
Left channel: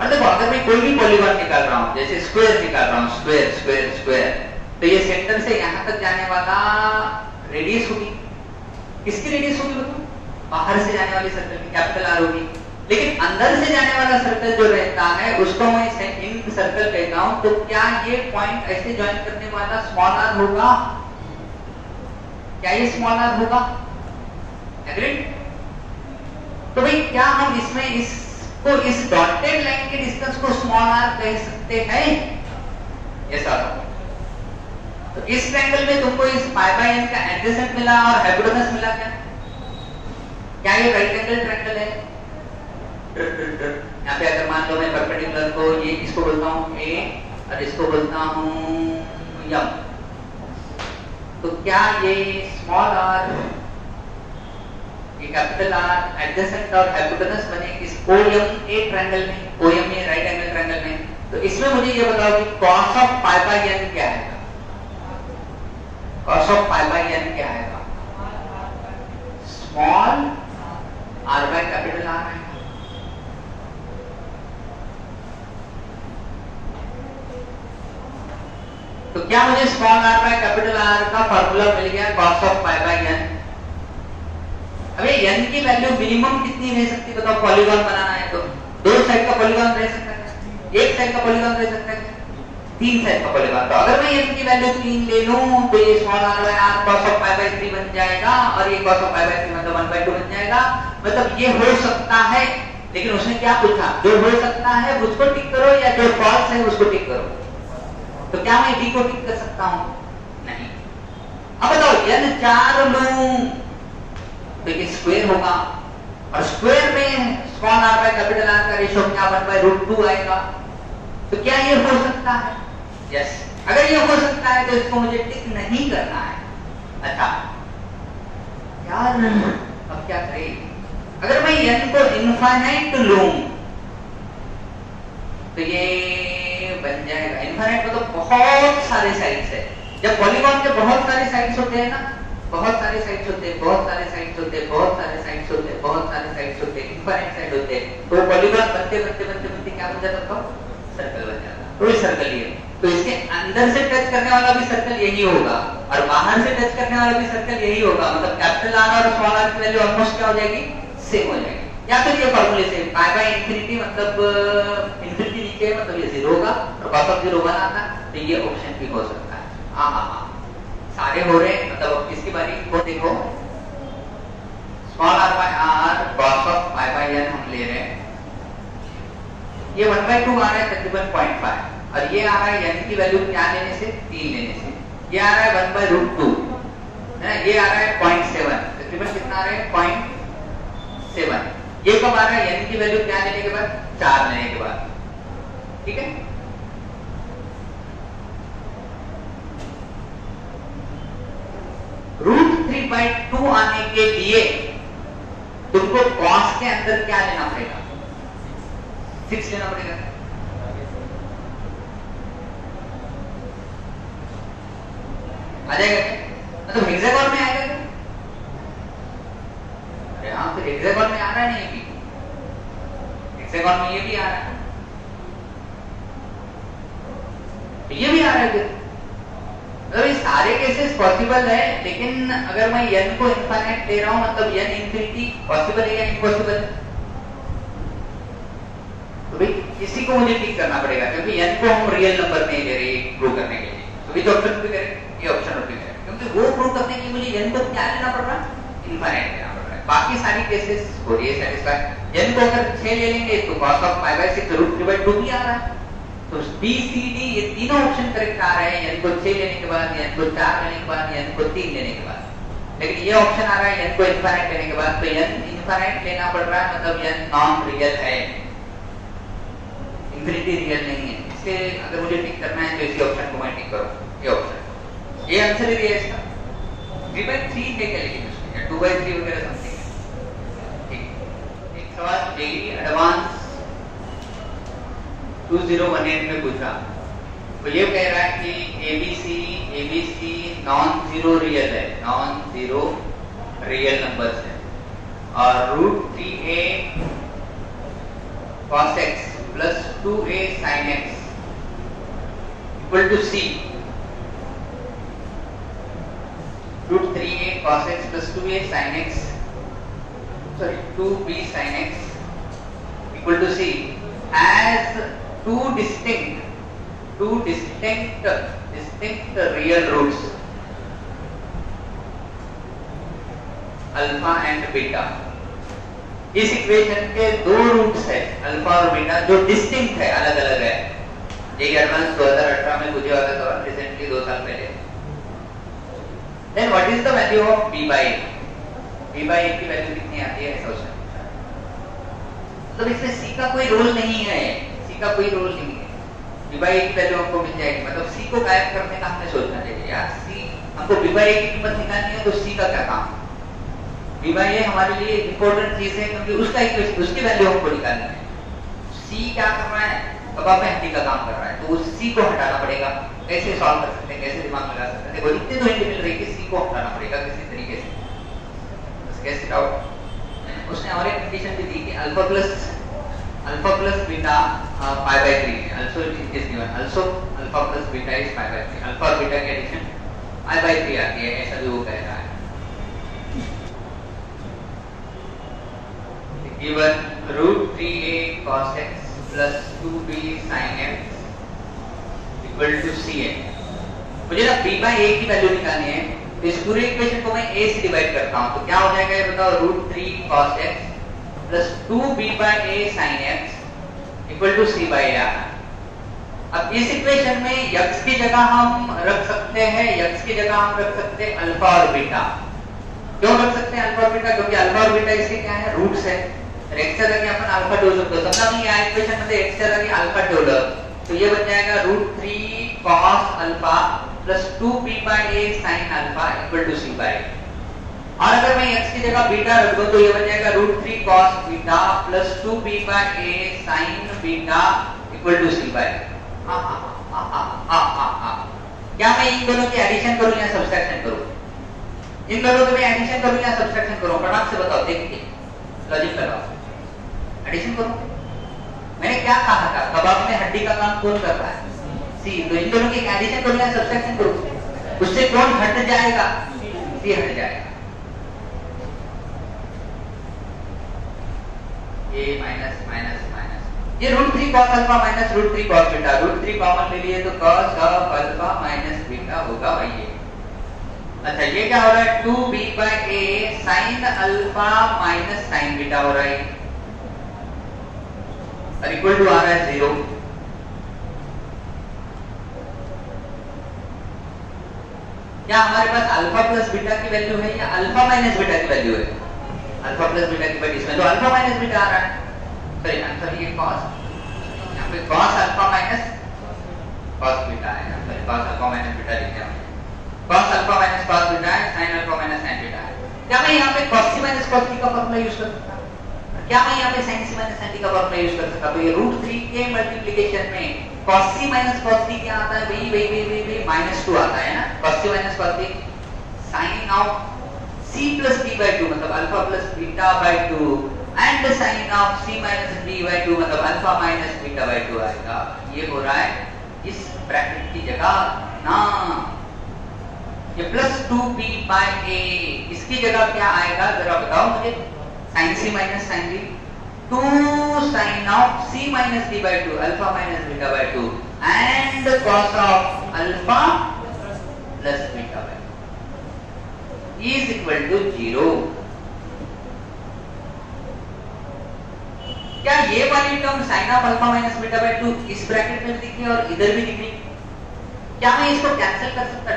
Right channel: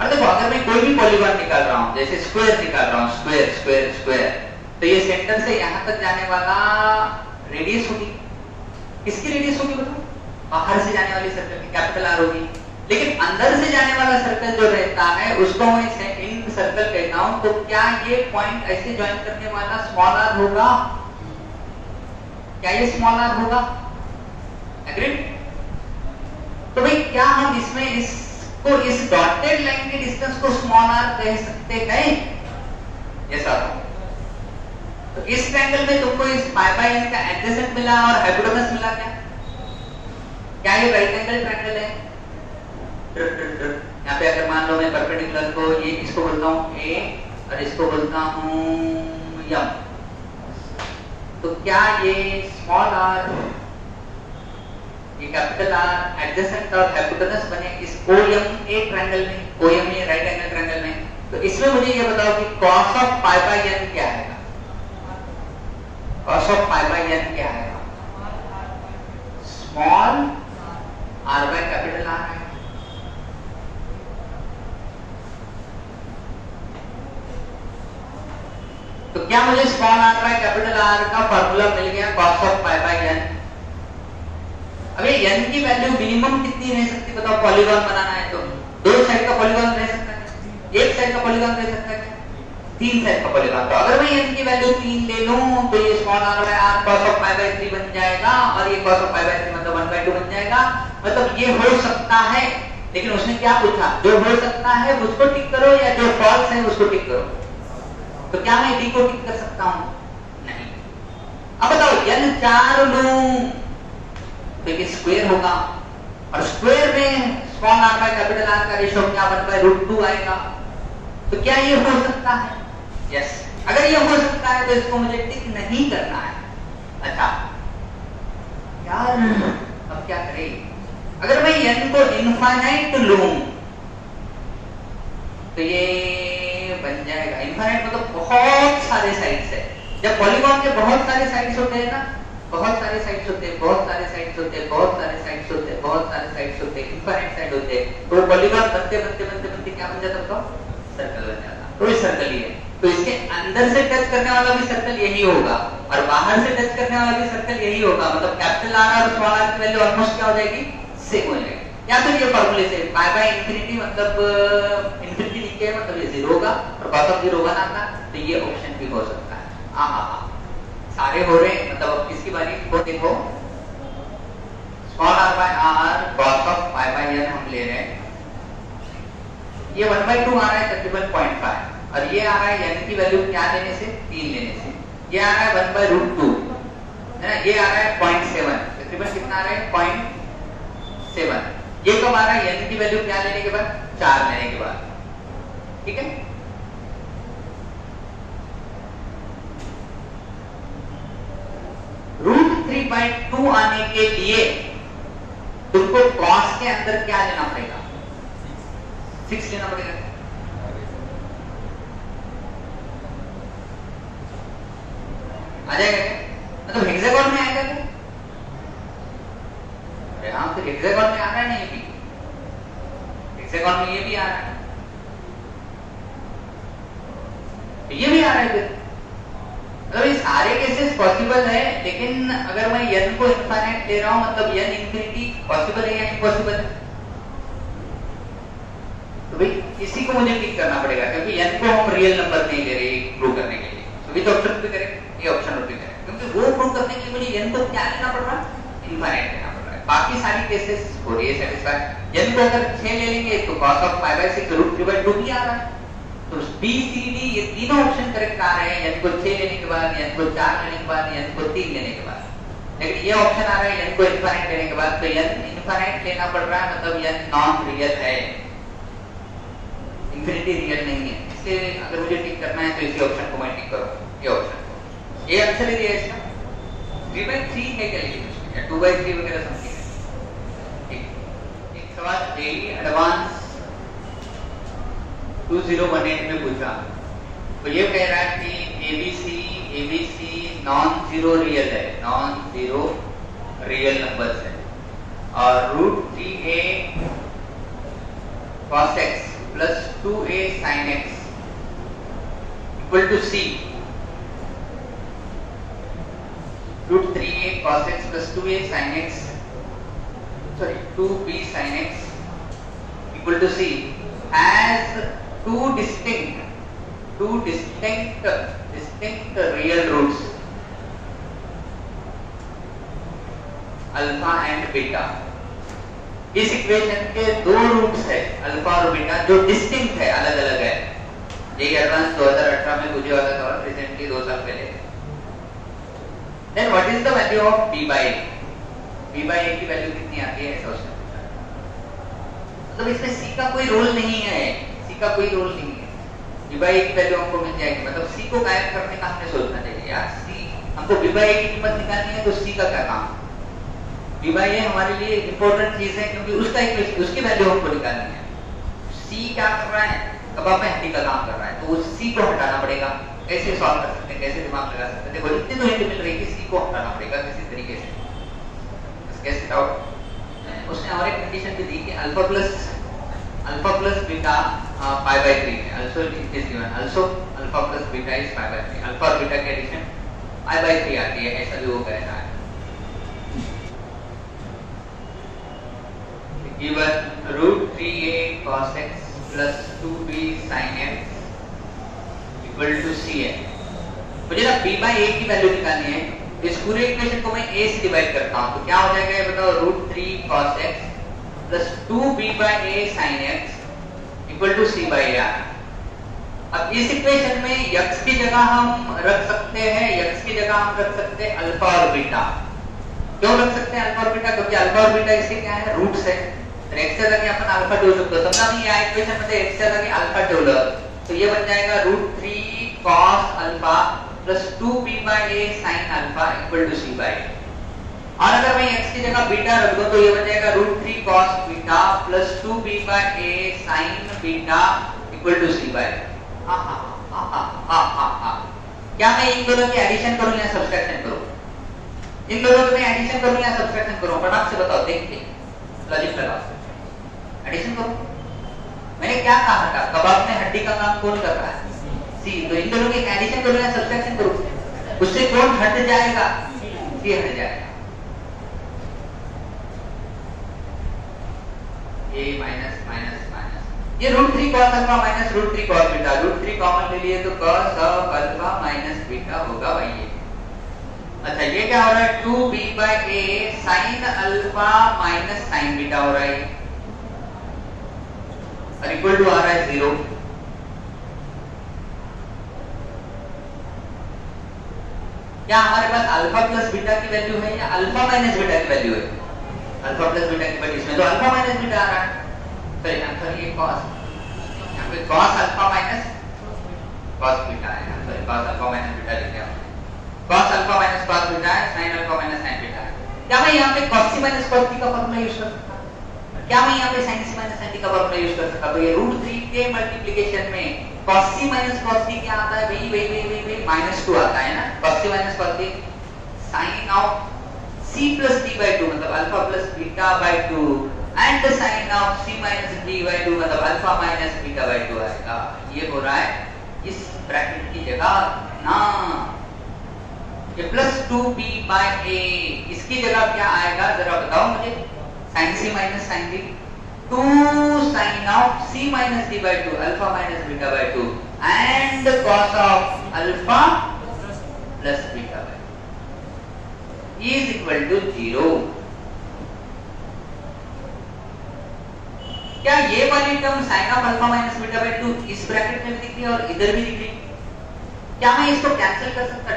और देखो अगर मैं कोई भी पॉलीगॉन निकाल रहा हूं, जैसे स्क्वायर निकाल रहा हूं, स्क्वायर, तो ये सेंटर से यहां तक जाने वाला रेडियस होगी। किसकी रेडियस होगी बताओ? बाहर से जाने वाली सर्कल की कैपिटल R होगी। लेकिन अंदर से जाने वाला सर्कल जो रहता है उसको मैं इन सर्कल कहता हूं, तो क्या ये पॉइंट ऐसे ज्वाइन करने वाला स्मॉल r होगा? क्या ये स्मॉल r होगा? एग्रीड? तो भाई क्या हम इसमें इसको इस डॉटेड लाइन के डिस्टेंस को स्मॉल r कह सकते हैं? Yes sir. तो इस ट्रायंगल में तुमको इस π/n का एडजेसेंट मिला और हाइपोटेनस मिला क्या? क्या ये राइट एंगल ट्रायंगल है? यहाँ पे अगर मान लो मैं परपेंडिकुलर को ये इसको बोलता हूँ A और इसको बोलता हूँ M, तो क्या ये स्मॉल r, ये कैपिटल R एडजेसेंट और हाइपोटेनस बने इस OMA ट्रायंगल में? OM में राइट एंगल ट्रायंगल में। तो इसमें मुझे ये बताओ कि cos of pi by n क्या है? cos of pi by n क्या है? Small r by capital R है। तो क्या मुझे small r by capital R का फार्मूला मिल गया cos of pi by n? अबे n की वैल्यू मिनिमम कितनी रह सकती है बताओ? पॉलीगॉन बनाना है तो दो साइड का पॉलीगॉन रह सकता है, एक साइड का पॉलीगॉन रह सकता है, तीन साइड का पॉलीगॉन। तो अगर मैं n की वैल्यू 3 ले लूं तो ये small r by r cos of pi by 3 बन जाएगा और ये cos ऑफ पाई बाय 3 मतलब 1/2 बन जाएगा। मतलब ये हो सकता है, लेकिन उसने क्या पूछा? जो हो सकता है उसको टिक करो या जो फॉल्स है उसको टिक करो। तो क्या मैं d को टिक कर सकता हूं? नहीं। अब बताओ n 4 लूं तो ये स्क्वायर होगा और स्क्वायर में small r by capital R का रेशियो क्या बन पाए? √2 आएगा। तो क्या ये हो सकता है? यस। अगर ये हो सकता है तो इसको मुझे टिक नहीं करना है। अच्छा यार अब क्या करें? अगर मैं n को इनफाइनाइट लूं तो ये बन जाएगा इनफाइनाइट मतलब बहुत सारे साइड्स है। जब पॉलीगॉन के बहुत सारे साइड्स होते हैं ना, बहुत सारे साइड्स होते हैं, बहुत सारे साइड्स होते हैं, बहुत सारे साइड्स होते हैं, बहुत सारे साइड्स होते हैं, इनफाइनाइट साइड होते हैं, तो पॉलीगॉन बनते बनते बनते बनते क्या बन जाता था? सर्कल बन जाता। तो ये सर्कल ही है। तो इसके अंदर से टच करने वाला भी सर्कल यही होगा और बाहर से टच करने वाला भी सर्कल यही होगा। मतलब कैपिटल R और स्मॉल r की वैल्यू ऑलमोस्ट क्या हो जाएगी? सेम हो जाएगी। या फिर ये फार्मूले से पाई बाय इंफिनिटी मतलब इंफिनिटी नीचे मतलब ये 0 होगा और cos ऑफ 0 1 आता, तो ये ऑप्शन भी हो सकता है। हां सारे हो रहे हैं। मतलब अब किसकी बारी? वो देखो small r by r cos of pi by n हम ले रहे हैं। ये 1/2 आ रहा है तकरीबन 0.5 और ये आ रहा है n की वैल्यू क्या लेने से? 3 लेने से। ये आ रहा है 1/√2 है ना, ये आ रहा है 0.7 तकरीबन कितना आ रहा है? 0.7। ये कब आ रहा है? n की वैल्यू क्या लेने के बाद? 4 लेने के बाद। ठीक है। √3/2 आने के लिए तुमको cos के अंदर क्या लेना पड़ेगा? 6 लेना पड़ेगा। आ जाएगा मतलब हेक्सागोन में आएगा क्या? हाँ फिर हेक्सागोन में आ रहा है ना, ये भी हेक्सागोन में ये भी आ रहा है, ये भी आ रहा है फिर। तो ये सारे केसेस पॉसिबल है, लेकिन अगर मैं n को इनफाइनाइट ले रहा हूं मतलब n इंफिनिटी पॉसिबल है या इम्पॉसिबल है? तो भाई इसी को मुझे टिक करना पड़ेगा क्योंकि n को हम रियल नंबर नहीं ले रहे प्रूव करने के लिए। तो भी तो ऑप्शन भी करें, ये ऑप्शन भी करें क्योंकि वो प्रूव करने के लिए मुझे n को क्या लेना पड़ रहा है? इनफाइनाइट लेना पड़ रहा है। बाकी सारी केसेस हो रही है सेटिस्फाई। n को अगर 6 ले लेंगे तो cos ऑफ पाई बाय 6 √3/2 भी आ रहा है। तो B C D ये तीनों ऑप्शन करेक्ट आ रहे हैं। n को 6 लेने के बाद, n को 4 लेने के बाद, n को 3 लेने के बाद। लेकिन ये ऑप्शन आ रहा है n को इनफाइनाइट लेने के बाद। तो n इनफाइनाइट लेना पड़ रहा है मतलब n नॉन रियल है, इंफिनिटी रियल नहीं है। इसे अगर मुझे टिक करना है तो इसी ऑप्शन को मैं टिक करूं। ये ऑप्शन, ये आंसर ही है इसका। 3/3 है क्या लेकिन उसमें 2/3 वगैरह समथिंग है। ठीक। एक सवाल मेरी एडवांस 2018 में पूछा, तो ये कह रहा है कि ABC नॉन जीरो रियल है, नॉन जीरो रियल नंबर्स है और √3a cos x plus 2a sin x equal to c। √3a cos x plus 2a sin x, sorry 2b sin x equal to c as two distinct real roots alpha and beta. इस equation के दो roots है alpha और beta जो distinct है, अलग अलग है। ये एडवांस 2018 में पूछा हुआ था, रिसेंटली 2 साल पहले। Then what is the value of b by a? b by a की वैल्यू कितनी आती है ऐसा उसने पूछा। मतलब इसमें c का कोई रोल नहीं है, c का कोई रोल नहीं है। b by a की वैल्यू हमको मिल जाएगी, मतलब c को गायब करने का हमने सोचना चाहिए यार। c हमको b by a की कीमत निकालनी है तो c का क्या काम? b by a हमारे लिए इंपॉर्टेंट चीज है क्योंकि उसका उसकी वैल्यू हमको निकालना है। सी क्या कर रहा है, कबाब में हड्डी का काम कर रहा है, तो उस सी को हटाना पड़ेगा। कैसे सॉल्व कर सकते हैं, कैसे दिमाग लगा सकते हैं? देखो इतनी तो हिंट मिल रही है कि सी को हटाना पड़ेगा किसी तरीके से। कैसे डाउट? उसने और एक कंडीशन भी दी कि alpha plus beta pi by 3 है। Also it is given also alpha plus beta is pi by 3। Alpha और बीटा की एडिशन पाई बाय 3 आती है, ऐसा भी वो कहता है। given root 3a cos x plus 2b sin x equal to cn। मुझे ना b by a की वैल्यू निकालनी है, तो इस पूरे इक्वेशन को मैं a से डिवाइड करता हूं, तो क्या हो जाएगा ये बताओ? Root 3 cos x plus 2b by a sin x equal to c by a। अब इस इक्वेशन में x की जगह हम रख सकते हैं, x की जगह हम रख सकते हैं अल्फा और बीटा। क्यों रख सकते हैं अल्फा और बीटा? क्योंकि अल्फा और बीटा इसके क्या है, रूट्स है। x के लगे अपन अल्फा डेवलप कर समझा नहीं है इक्वेशन में, x के लगे अल्फा डेवलप, तो ये बन जाएगा root 3 cos alpha plus 2b by a sin alpha equal to c by। और अगर मैं x की जगह बीटा रख दूं तो ये बन जाएगा root 3 cos beta plus 2b by a sin beta equal to c by। क्या मैं इन दोनों की एडिशन करूं या सब्ट्रैक्शन करूं? इन दोनों की मैं एडिशन करूं या सब्ट्रैक्शन करूं? फटाफट से बताओ, देखते लॉजिक लगाओ। एडिशन करो। मैंने क्या कहा था, कबाब में हड्डी का काम कौन कर रहा है? सी। तो इन दोनों की एडिशन करो या सब्ट्रैक्शन करो? उससे कौन हट जाएगा? सी हट जाएगा। ए माइनस माइनस माइनस, ये रूट 3 cos अल्फा माइनस रूट 3 cos बीटा, रूट 3 कॉमन ले लिए तो cos of alpha minus beta होगा भाई ये। अच्छा ये क्या हो रहा है? 2b by a sin alpha minus sin beta हो रहा है, और इक्वल टू आ रहा है 0। क्या हमारे पास अल्फा प्लस बीटा की वैल्यू है या अल्फा माइनस बीटा की वैल्यू है? अल्फा प्लस बीटा की वैल्यू इसमें तो अल्फा माइनस बीटा आ रहा है। सही आंसर ये cos, यहाँ पे cos अल्फा माइनस cos बीटा है, तो cos अल्फा माइनस बीटा लिखे हम। cos अल्फा माइनस cos बीटा है, sin alpha minus sin beta है। क्या मैं यहाँ पे cos c minus cos t का फॉर्मूला यूज कर सकता हूँ? क्या मैं यहाँ पे sin c minus sin t का फॉर्मूला यूज कर सकता हूँ? तो ये रूट 3 के मल्टीप्लिकेशन में cos c minus cos t क्या आता है? वही -2 आता है ना, cos c minus cos t sin of c plus t by 2 मतलब alpha plus beta by 2 and sin of c minus t by 2 मतलब अल्फा माइनस बीटा by 2 आएगा। ये हो रहा है इस ब्रैकेट की जगह ना, ये प्लस 2b by a, इसकी जगह क्या आएगा जरा बताओ मुझे? sin c minus sin t, 2 sin of c minus d by 2 alpha minus beta by 2 and cos of alpha plus beta by 2 is equal to 0। क्या ये वाली term sin of alpha minus beta by 2 इस bracket में दिख रही है और इधर भी दिख रही है? क्या मैं इसको कैंसिल कर सकता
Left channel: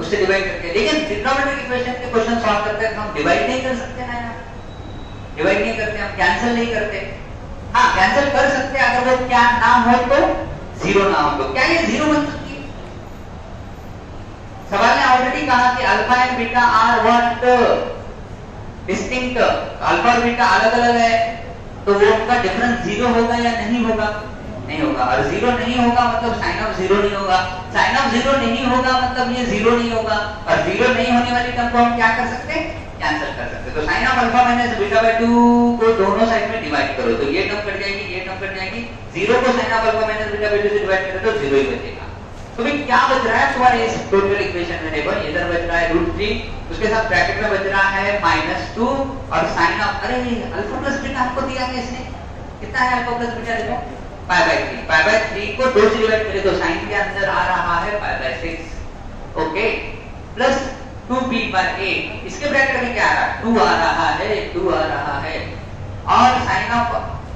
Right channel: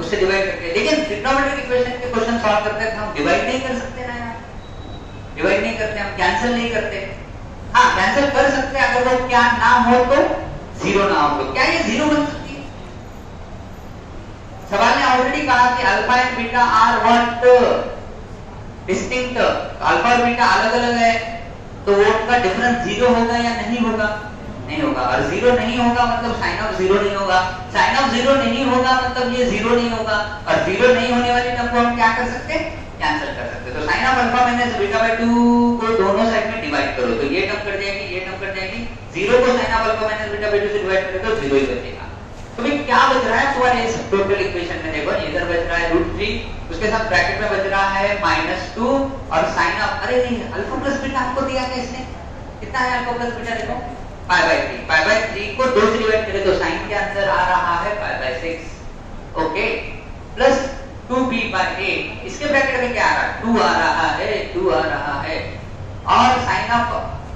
उससे डिवाइड करके? लेकिन ट्रिग्नोमेट्रिक इक्वेशन के क्वेश्चन सॉल्व करते हैं हम डिवाइड नहीं कर सकते ना, डिवाइड नहीं करते, हम कैंसिल नहीं करते। हाँ कैंसिल कर सकते हैं अगर वो क्या ना हो तो 0 ना हो तो। क्या ये 0 बन सकती है? सवाल ने ऑलरेडी कहा कि alpha and beta are what distinct, alpha और बीटा अलग अलग है, तो वो उनका डिफरेंस 0 होगा या नहीं होगा? नहीं होगा। और 0 नहीं होगा मतलब sin ऑफ 0 नहीं होगा, sin ऑफ 0 नहीं होगा मतलब ये 0 नहीं होगा, और 0 नहीं होने वाली टर्म को हम क्या कर सकते हैं? कैंसिल कर सकते हैं। तो sin of alpha minus beta by 2 को दोनों साइड में डिवाइड करो तो ये टर्म कट जाएगी, ये टर्म कट जाएगी। 0 को sin of alpha minus beta by 2 से डिवाइड करें तो 0 ही बचेगा। तो भाई क्या बच रहा है तुम्हारे इस टोटल इक्वेशन में? देखो इधर बच रहा है √3, उसके साथ ब्रैकेट में बच रहा है -2 और sin ऑफ, अरे अल्फा प्लस बीटा आपको दिया है इसने, कितना है अल्फा प्लस बीटा? देखो पाई बाय 3 को 2 से डिवाइड करें तो sin के अंदर आ रहा है pi by 6, okay, plus 2b by a, इसके ब्रैकेट में क्या आ रहा है? 2 आ रहा है, 2 आ रहा है, और sin of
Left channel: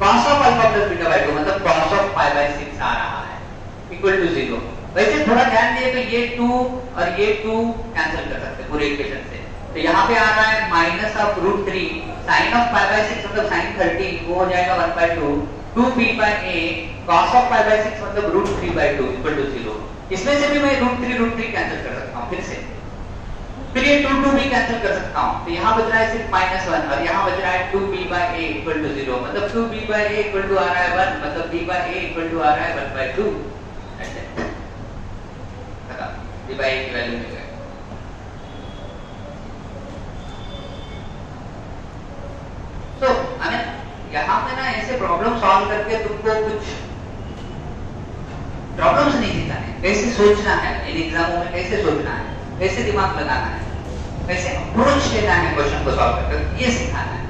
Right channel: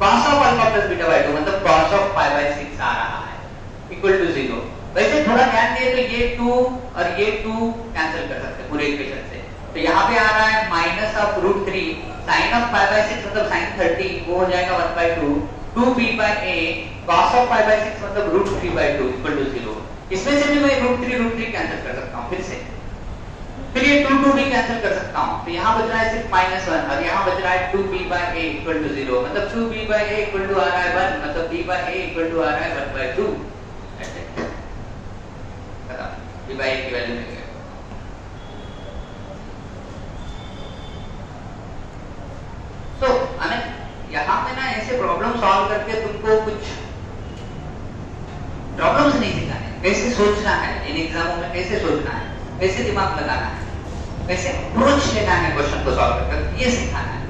cos of alpha plus beta by 2 मतलब cos ऑफ पाई बाय 6 आ रहा है इक्वल टू 0। वैसे थोड़ा ध्यान दिए तो ये 2 और ये 2 कैंसिल कर सकते हैं पूरे इक्वेशन से, तो यहाँ पे आ रहा है minus of √3 sin of pi bye 6 मतलब sin 30 वो हो जाएगा 1/2, 2b by a cos of pi by 6 मतलब √3/2 इक्वल टू 0। इसमें से भी मैं √3 कैंसिल कर सकता हूँ फिर से, फिर ये 2 भी कैंसिल कर सकता हूँ, तो यहाँ बच रहा है सिर्फ -1 और यहाँ बच रहा है 2b/a = 0, मतलब 2b/a = आ रहा है 1, मतलब b/a = आ रहा है 1/2। बता b/a की वैल्यू मिल गई। तो हमें यहाँ पे ना ऐसे प्रॉब्लम सॉल्व करके तुमको कुछ प्रॉब्लम्स नहीं सिखाना है, कैसे सोचना है इन एग्जामों में, कैसे सोचना है, कैसे दिमाग लगाना है, कैसे अप्रोच लेना है क्वेश्चन को सॉल्व करके, ये सिखाना है।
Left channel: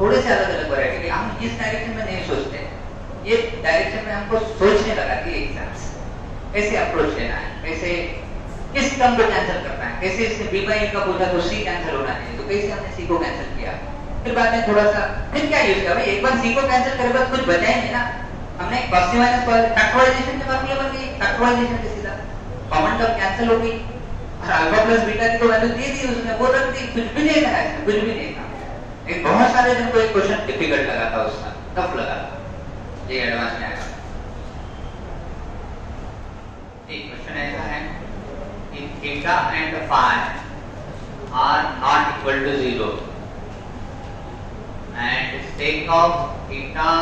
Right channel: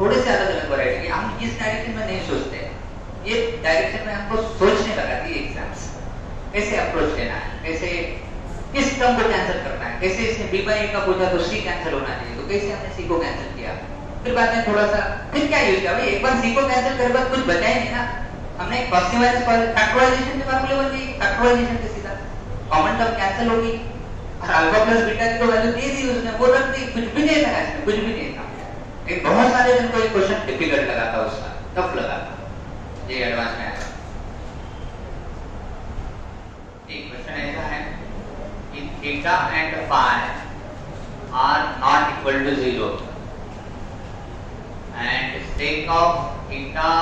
थोड़े से अलग अलग वैरायटी, हम इस डायरेक्शन में नहीं सोचते, ये डायरेक्शन में हमको सोचने लगाती है एग्जाम्स। कैसे अप्रोच लेना है, कैसे किस टर्म को कैंसिल करना है, कैसे इसने b/a का पूछा तो c कैंसिल होना चाहिए, तो कैसे हमने c को कैंसिल किया, फिर बाद में थोड़ा सा फिर क्या यूज किया भाई, एक बार c को कैंसिल करेगा कुछ बचा ही नहीं ना। हमने cos c minus फैक्टराइजेशन के फॉर्मूले बन गई, फैक्टराइजेशन के सीधा कॉमन टर्म कैंसिल हो गई और अल्फा प्लस बीटा की तो वैल्यू दे दी उसने, वो रख दी, कुछ भी नहीं था इसमें, कुछ भी नहीं था। लेकिन बहुत सारे दिन को एक क्वेश्चन डिफिकल्ट लगा था, उसका टफ लगा था, ये एडवांस में आया। एक क्वेश्चन ऐसा है कि theta and phi are not equal to 0 and sec of theta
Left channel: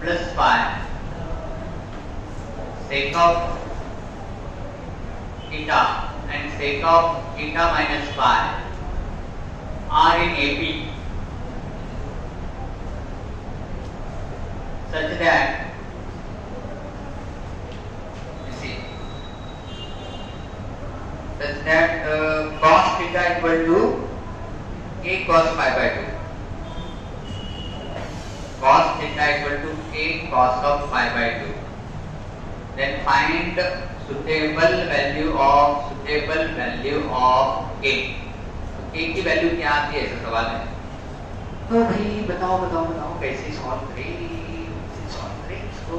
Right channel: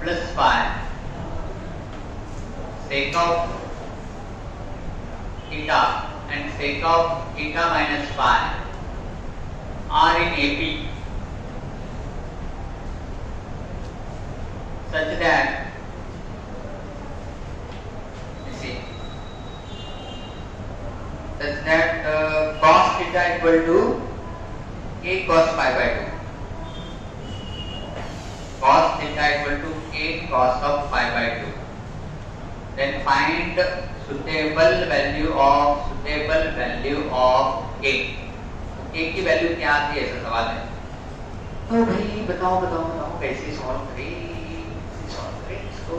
plus phi, sec of theta and sec of theta minus phi are in AP such that cos theta equal to a cos phi by 2, cos theta equal to a cos of phi by 2. Then find suitable value of a. a की value क्या आती है, ऐसा सवाल है। तो भाई बताओ कैसे सॉल्व करें इसको।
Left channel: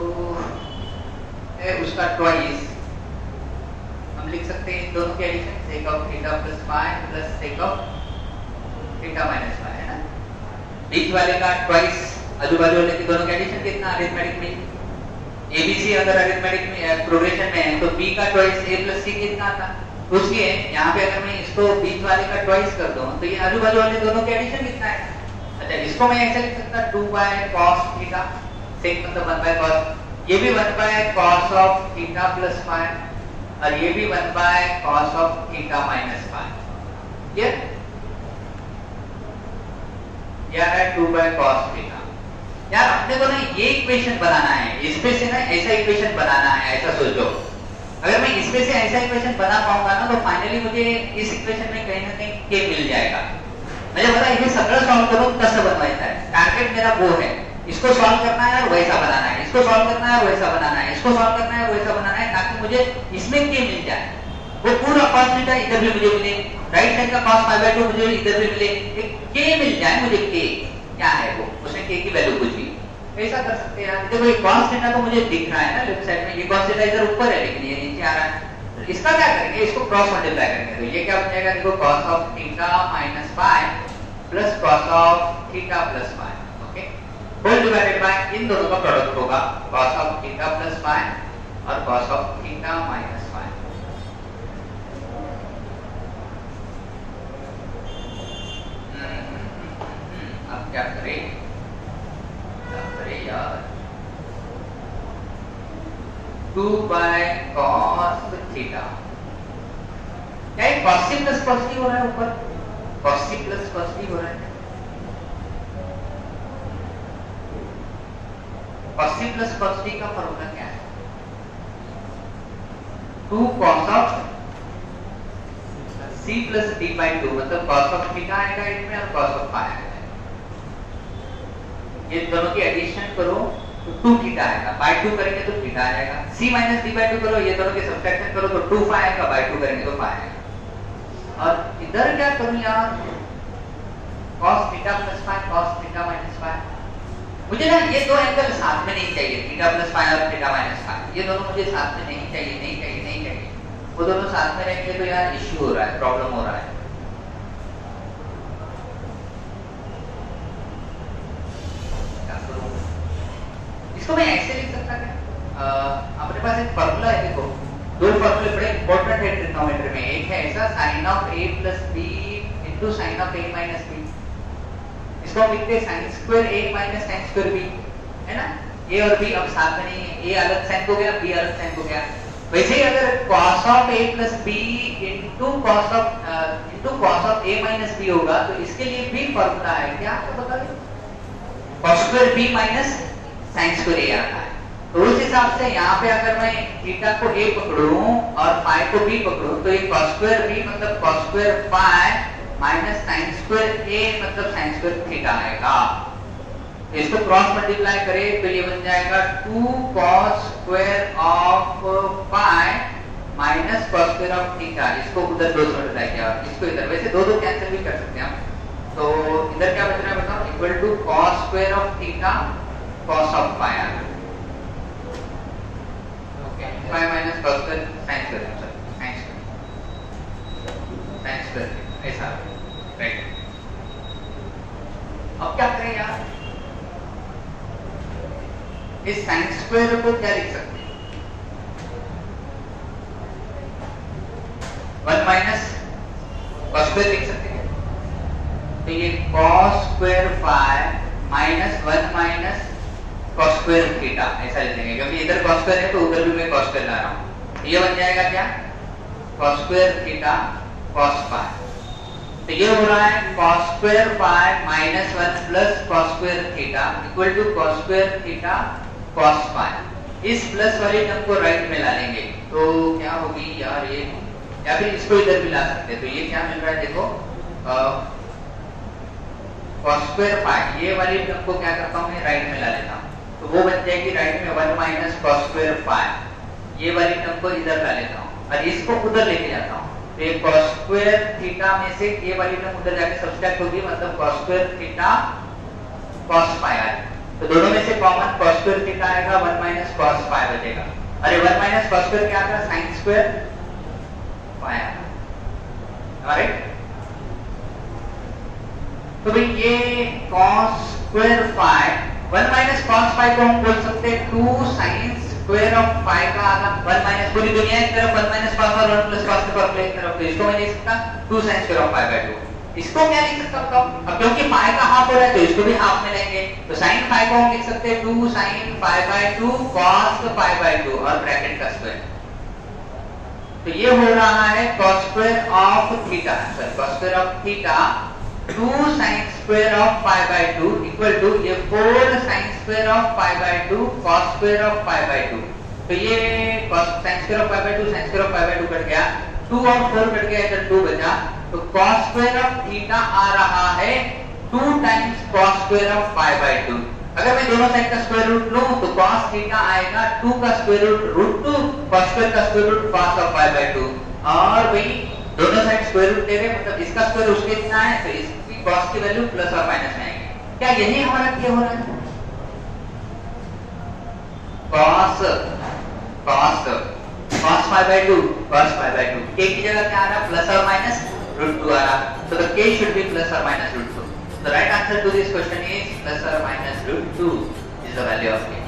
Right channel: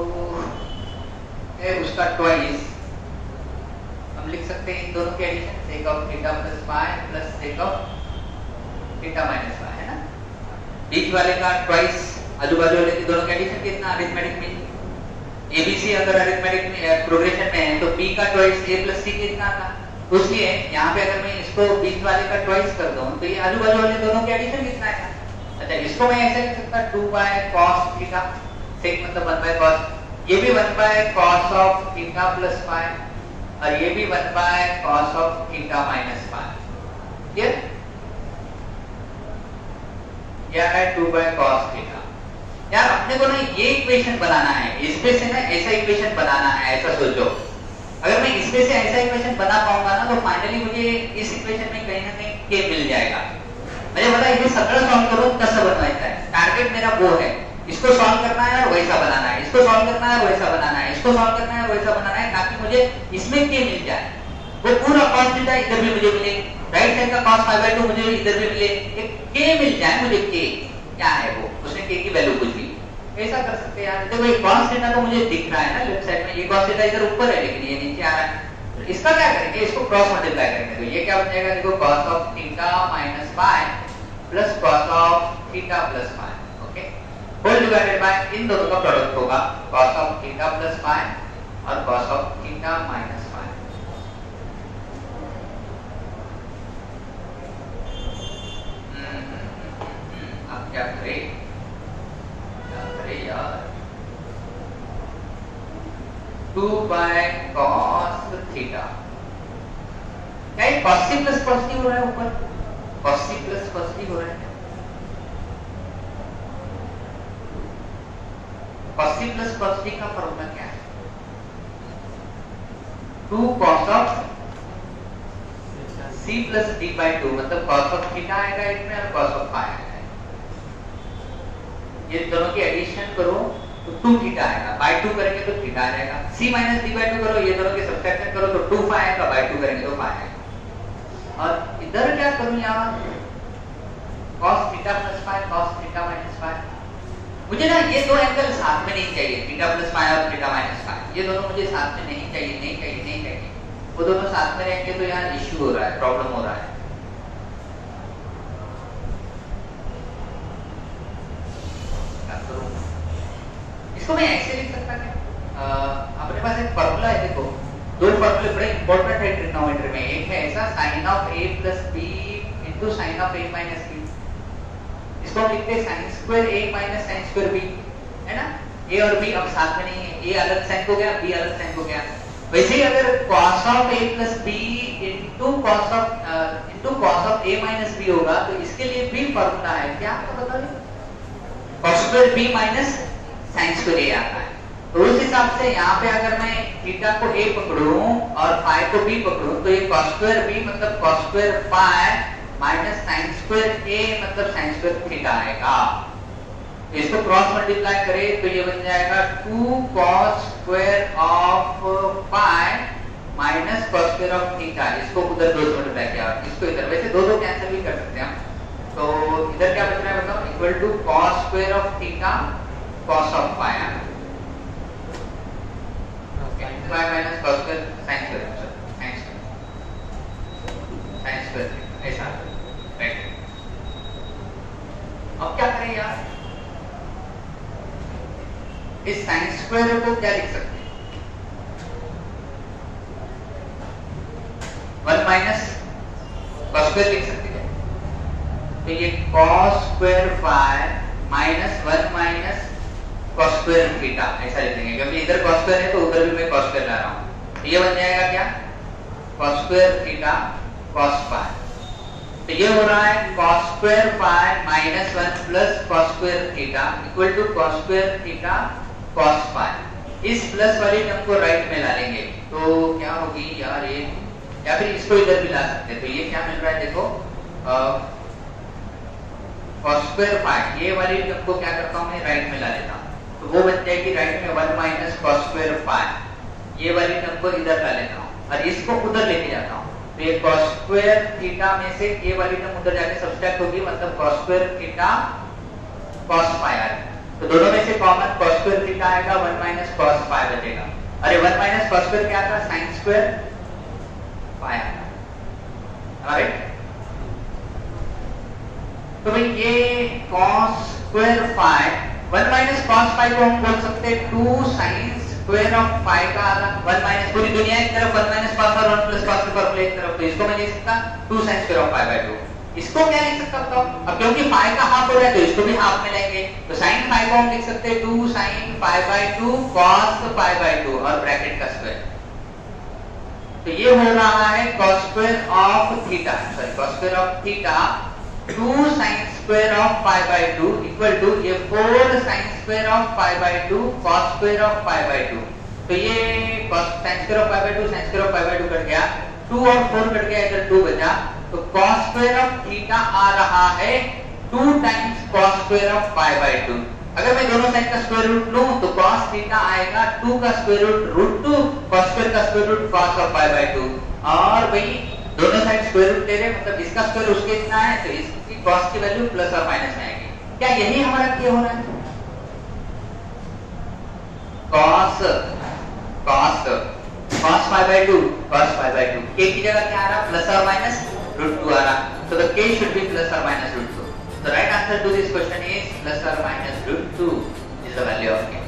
उसका ट्वाइस हम लिख सकते हैं, इन दोनों के addition sec of theta plus phi plus sec of theta minus phi है ना। बीच वाले का ट्वाइस, आजू बाजू वाले के दोनों का एडिशन कितना, अरिथमेटिक में एबीसी अगर अरिथमेटिक में प्रोग्रेशन में है तो b का ट्वाइस a plus c कितना था, उसलिए यहाँ पे अगर मैं इसको बीच वाले का ट्वाइस कर दूं तो ये आजू बाजू वाले दोनों के एडिशन कितना है। अच्छा, इसको मैं ऐसे लिख सकता 2/cos थीटा, sec मतलब 1/cos, ये भी 1/cos of theta plus phi और ये भी 1/cos of theta minus phi। ये क्या है 2/cos थीटा। यार अपने को ना ये इक्वेशन बनाना है, इसमें से ना ऐसा इक्वेशन बनाना है, ऐसा सोचो। अगर मैं इसमें से ऐसा इक्वेशन बना पाऊंगा ना तो फाइनली मुझे इस इक्वेशन में कहीं ना कहीं k मिल जाएगा। मुझे पता है ये सगळं सॉल्व करो कसं बनवायचं है, टारगेट मेरा वो है, इसको सॉल्व करना है और वैसा बनाना है, इसको सॉल्व करना है और वैसा बनाना है, इसको सॉल्व करना है और वैसा बनाना है, ताकि मुझे इसमें k मिल जाए। वो पूरा cos थीटा इधर भी मुझे मिले, राइट साइड का cos phi by 2 मुझे इधर भी मिले, एक k मिल जाए मुझे। k क्या है वो, उसमें k की वैल्यू कुछ भी ऐसा कर सकते हैं। देखो ये cos थीटा तो मुझे दिख रहा है ना लेफ्ट साइड में, ये cos थीटा इधर ऊपर है लेकिन ये नीचे आ रहा है। तो इसका क्या करेंगे, इसको क्रॉस मल्टीप्लाई करेंगे, तो ये क्या बन जाएगा, देखो cos of theta minus phi plus cos of theta plus phi, okay, whole divided by इन दोनों का प्रोडक्ट होगा cos of theta plus phi और cos of theta minus phi। अब क्या करें यार, 2/cos थीटा, क्या cos c plus cos t हो रहा है ऊपर, cos c plus cos t हो रहा है, cos c plus cos t का फॉर्मूला क्या है, 2 cos of c plus d by 2, मतलब cos of थीटा आएगा इसमें और cos of phi आएगा। ये दोनों की एडिशन करो तो 2 थीटा आएगा, बाय 2 करेंगे तो थीटा आएगा, c minus d by 2 करो, ये दोनों के सब्ट्रैक्शन करो तो 2 phi आएगा, बाय 2 करेंगे तो phi आएगा। और इधर क्या करूं यार, cos theta plus phi cos theta minus phi, मुझे ना ये दो एंगल साथ में नहीं चाहिए, थीटा plus phi और थीटा minus phi, ये दोनों मुझे साथ में नहीं चाहिए। वो दोनों साथ में रहेंगे तो यार इश्यू हो रहा है, प्रॉब्लम हो रहा है। इसको मैं ऐसे लिख सकता था, अपने पास एक फॉर्मूला है, देखो दो फॉर्मूले बड़े इंपॉर्टेंट है ट्रिग्नोमेट्री में। एक है ऐसा sin of a plus b into sine of a minus b, इसको हम लिखते हैं sin square a minus sin square b, है ना। a और b अब साथ में नहीं है, a अलग साइन हो गया, b अलग साइन हो गया। वैसे ही अगर cos of a plus b into cos of a minus b होगा तो इसके लिए भी फॉर्मूला है क्या, आपको बता दें, cos square b minus sin square a आता है। तो उस हिसाब से यहाँ पे अगर मैं थीटा को a पकड़ूं और फाई को b पकड़ूं तो ये cos स्क्वायर b मतलब cos square phi minus sin square a मतलब sin स्क्वायर थीटा आएगा। इसको क्रॉस मल्टीप्लाई करें तो ये बन जाएगा 2 cos square of phi minus cos square of theta. इसको उधर दो से मल्टीप्लाई किया, इसको इधर, वैसे दो दो कैंसिल भी कर सकते हैं हम। तो इधर क्या बच रहा है बताओ, equal to cos square of theta cos of phi आना, phi minus cos square sin square ऐसा, राइट। अब क्या करें यार, इस sin स्क्वायर को क्या लिख सकते हैं, 1 माइनस cos स्क्वायर लिख सकते हैं। तो ये cos square phi minus 1 minus cos square theta ऐसा लिखेंगे, क्योंकि इधर cos स्क्वायर है तो उधर भी मैं cos स्क्वायर ला रहा हूं। ये बन जाएगा क्या, cos square theta cos phi. तो ये हो रहा है cos square phi minus 1 plus cos square theta equal to cos square theta cos phi. इस प्लस वाले टर्म को राइट में ला लेंगे तो क्या होगी यार ये, या फिर इसको इधर भी ला सकते हैं। तो ये क्या मिल रहा है देखो, cos स्क्वायर फाई, ये वाली टर्म को क्या करता हूं मैं राइट में ला लेता हूं, तो वो बन जाएगी राइट में 1 माइनस cos स्क्वायर फाई। ये वाली टर्म को इधर ला लेता हूं और इसको उधर लेके जाता हूं, तो ये cos स्क्वायर थीटा में से ये वाली टर्म उधर जाके सब्ट्रैक्ट होगी, मतलब cos square theta cos phi आएगा। तो दोनों में से कॉमन cos स्क्वायर थीटा आएगा, 1 माइनस cos फाई बचेगा। अरे 1 माइनस cos स्क्वायर क्या आएगा, sin स्क्वायर फाई आएगा, ऑलराइट। तो भाई ये cos square phi 1 minus cos phi को हम बोल सकते हैं 2 sin स्क्वायर ऑफ फाई का आधा, 1 माइनस पूरी दुनिया एक तरफ 1 माइनस cos और 1 प्लस cos का एक तरफ, तो इसको मैं लिख सकता 2 sin square of phi by 2। इसको क्या लिख सकता हूं, अब क्योंकि फाई का हाफ हो रहा है तो इसको भी हाफ में लेंगे, तो sin फाई को हम लिख सकते हैं 2 sin phi by 2 cos phi by 2 और ब्रैकेट का स्क्वायर। तो ये हो रहा है cos square of theta, sorry cos square of theta 2 sin square of phi by 2 equal to ये 4 sin square of phi by 2 cos square of phi by 2। तो ये cos sin square of phi by 2 sin square of phi by 2 cut गया, 2 और 4 cut गया, इधर 2 बचा, तो cos square of theta आ रहा है 2 times cos square of phi by 2। अगर मैं दोनों साइड का स्क्वायर रूट लूं तो cos थीटा आएगा 2 का स्क्वायर रूट √2 cos स्क्वायर का square root cos of phi by 2, और भाई दोनों साइड स्क्वायर रूट ले रहे, मतलब इसका स्क्वायर उसके इतना है तो इसकी cos की वैल्यू प्लस और माइनस में आएगी। क्या यही हमारा क्या हो रहा है, cos phi by 2 cos phi by 2 k की जगह क्या आ रहा है, प्लस और माइनस √2 आ रहा, so the k should be plus or minus √2. The right answer to this question is plus or minus √2 is the value of k.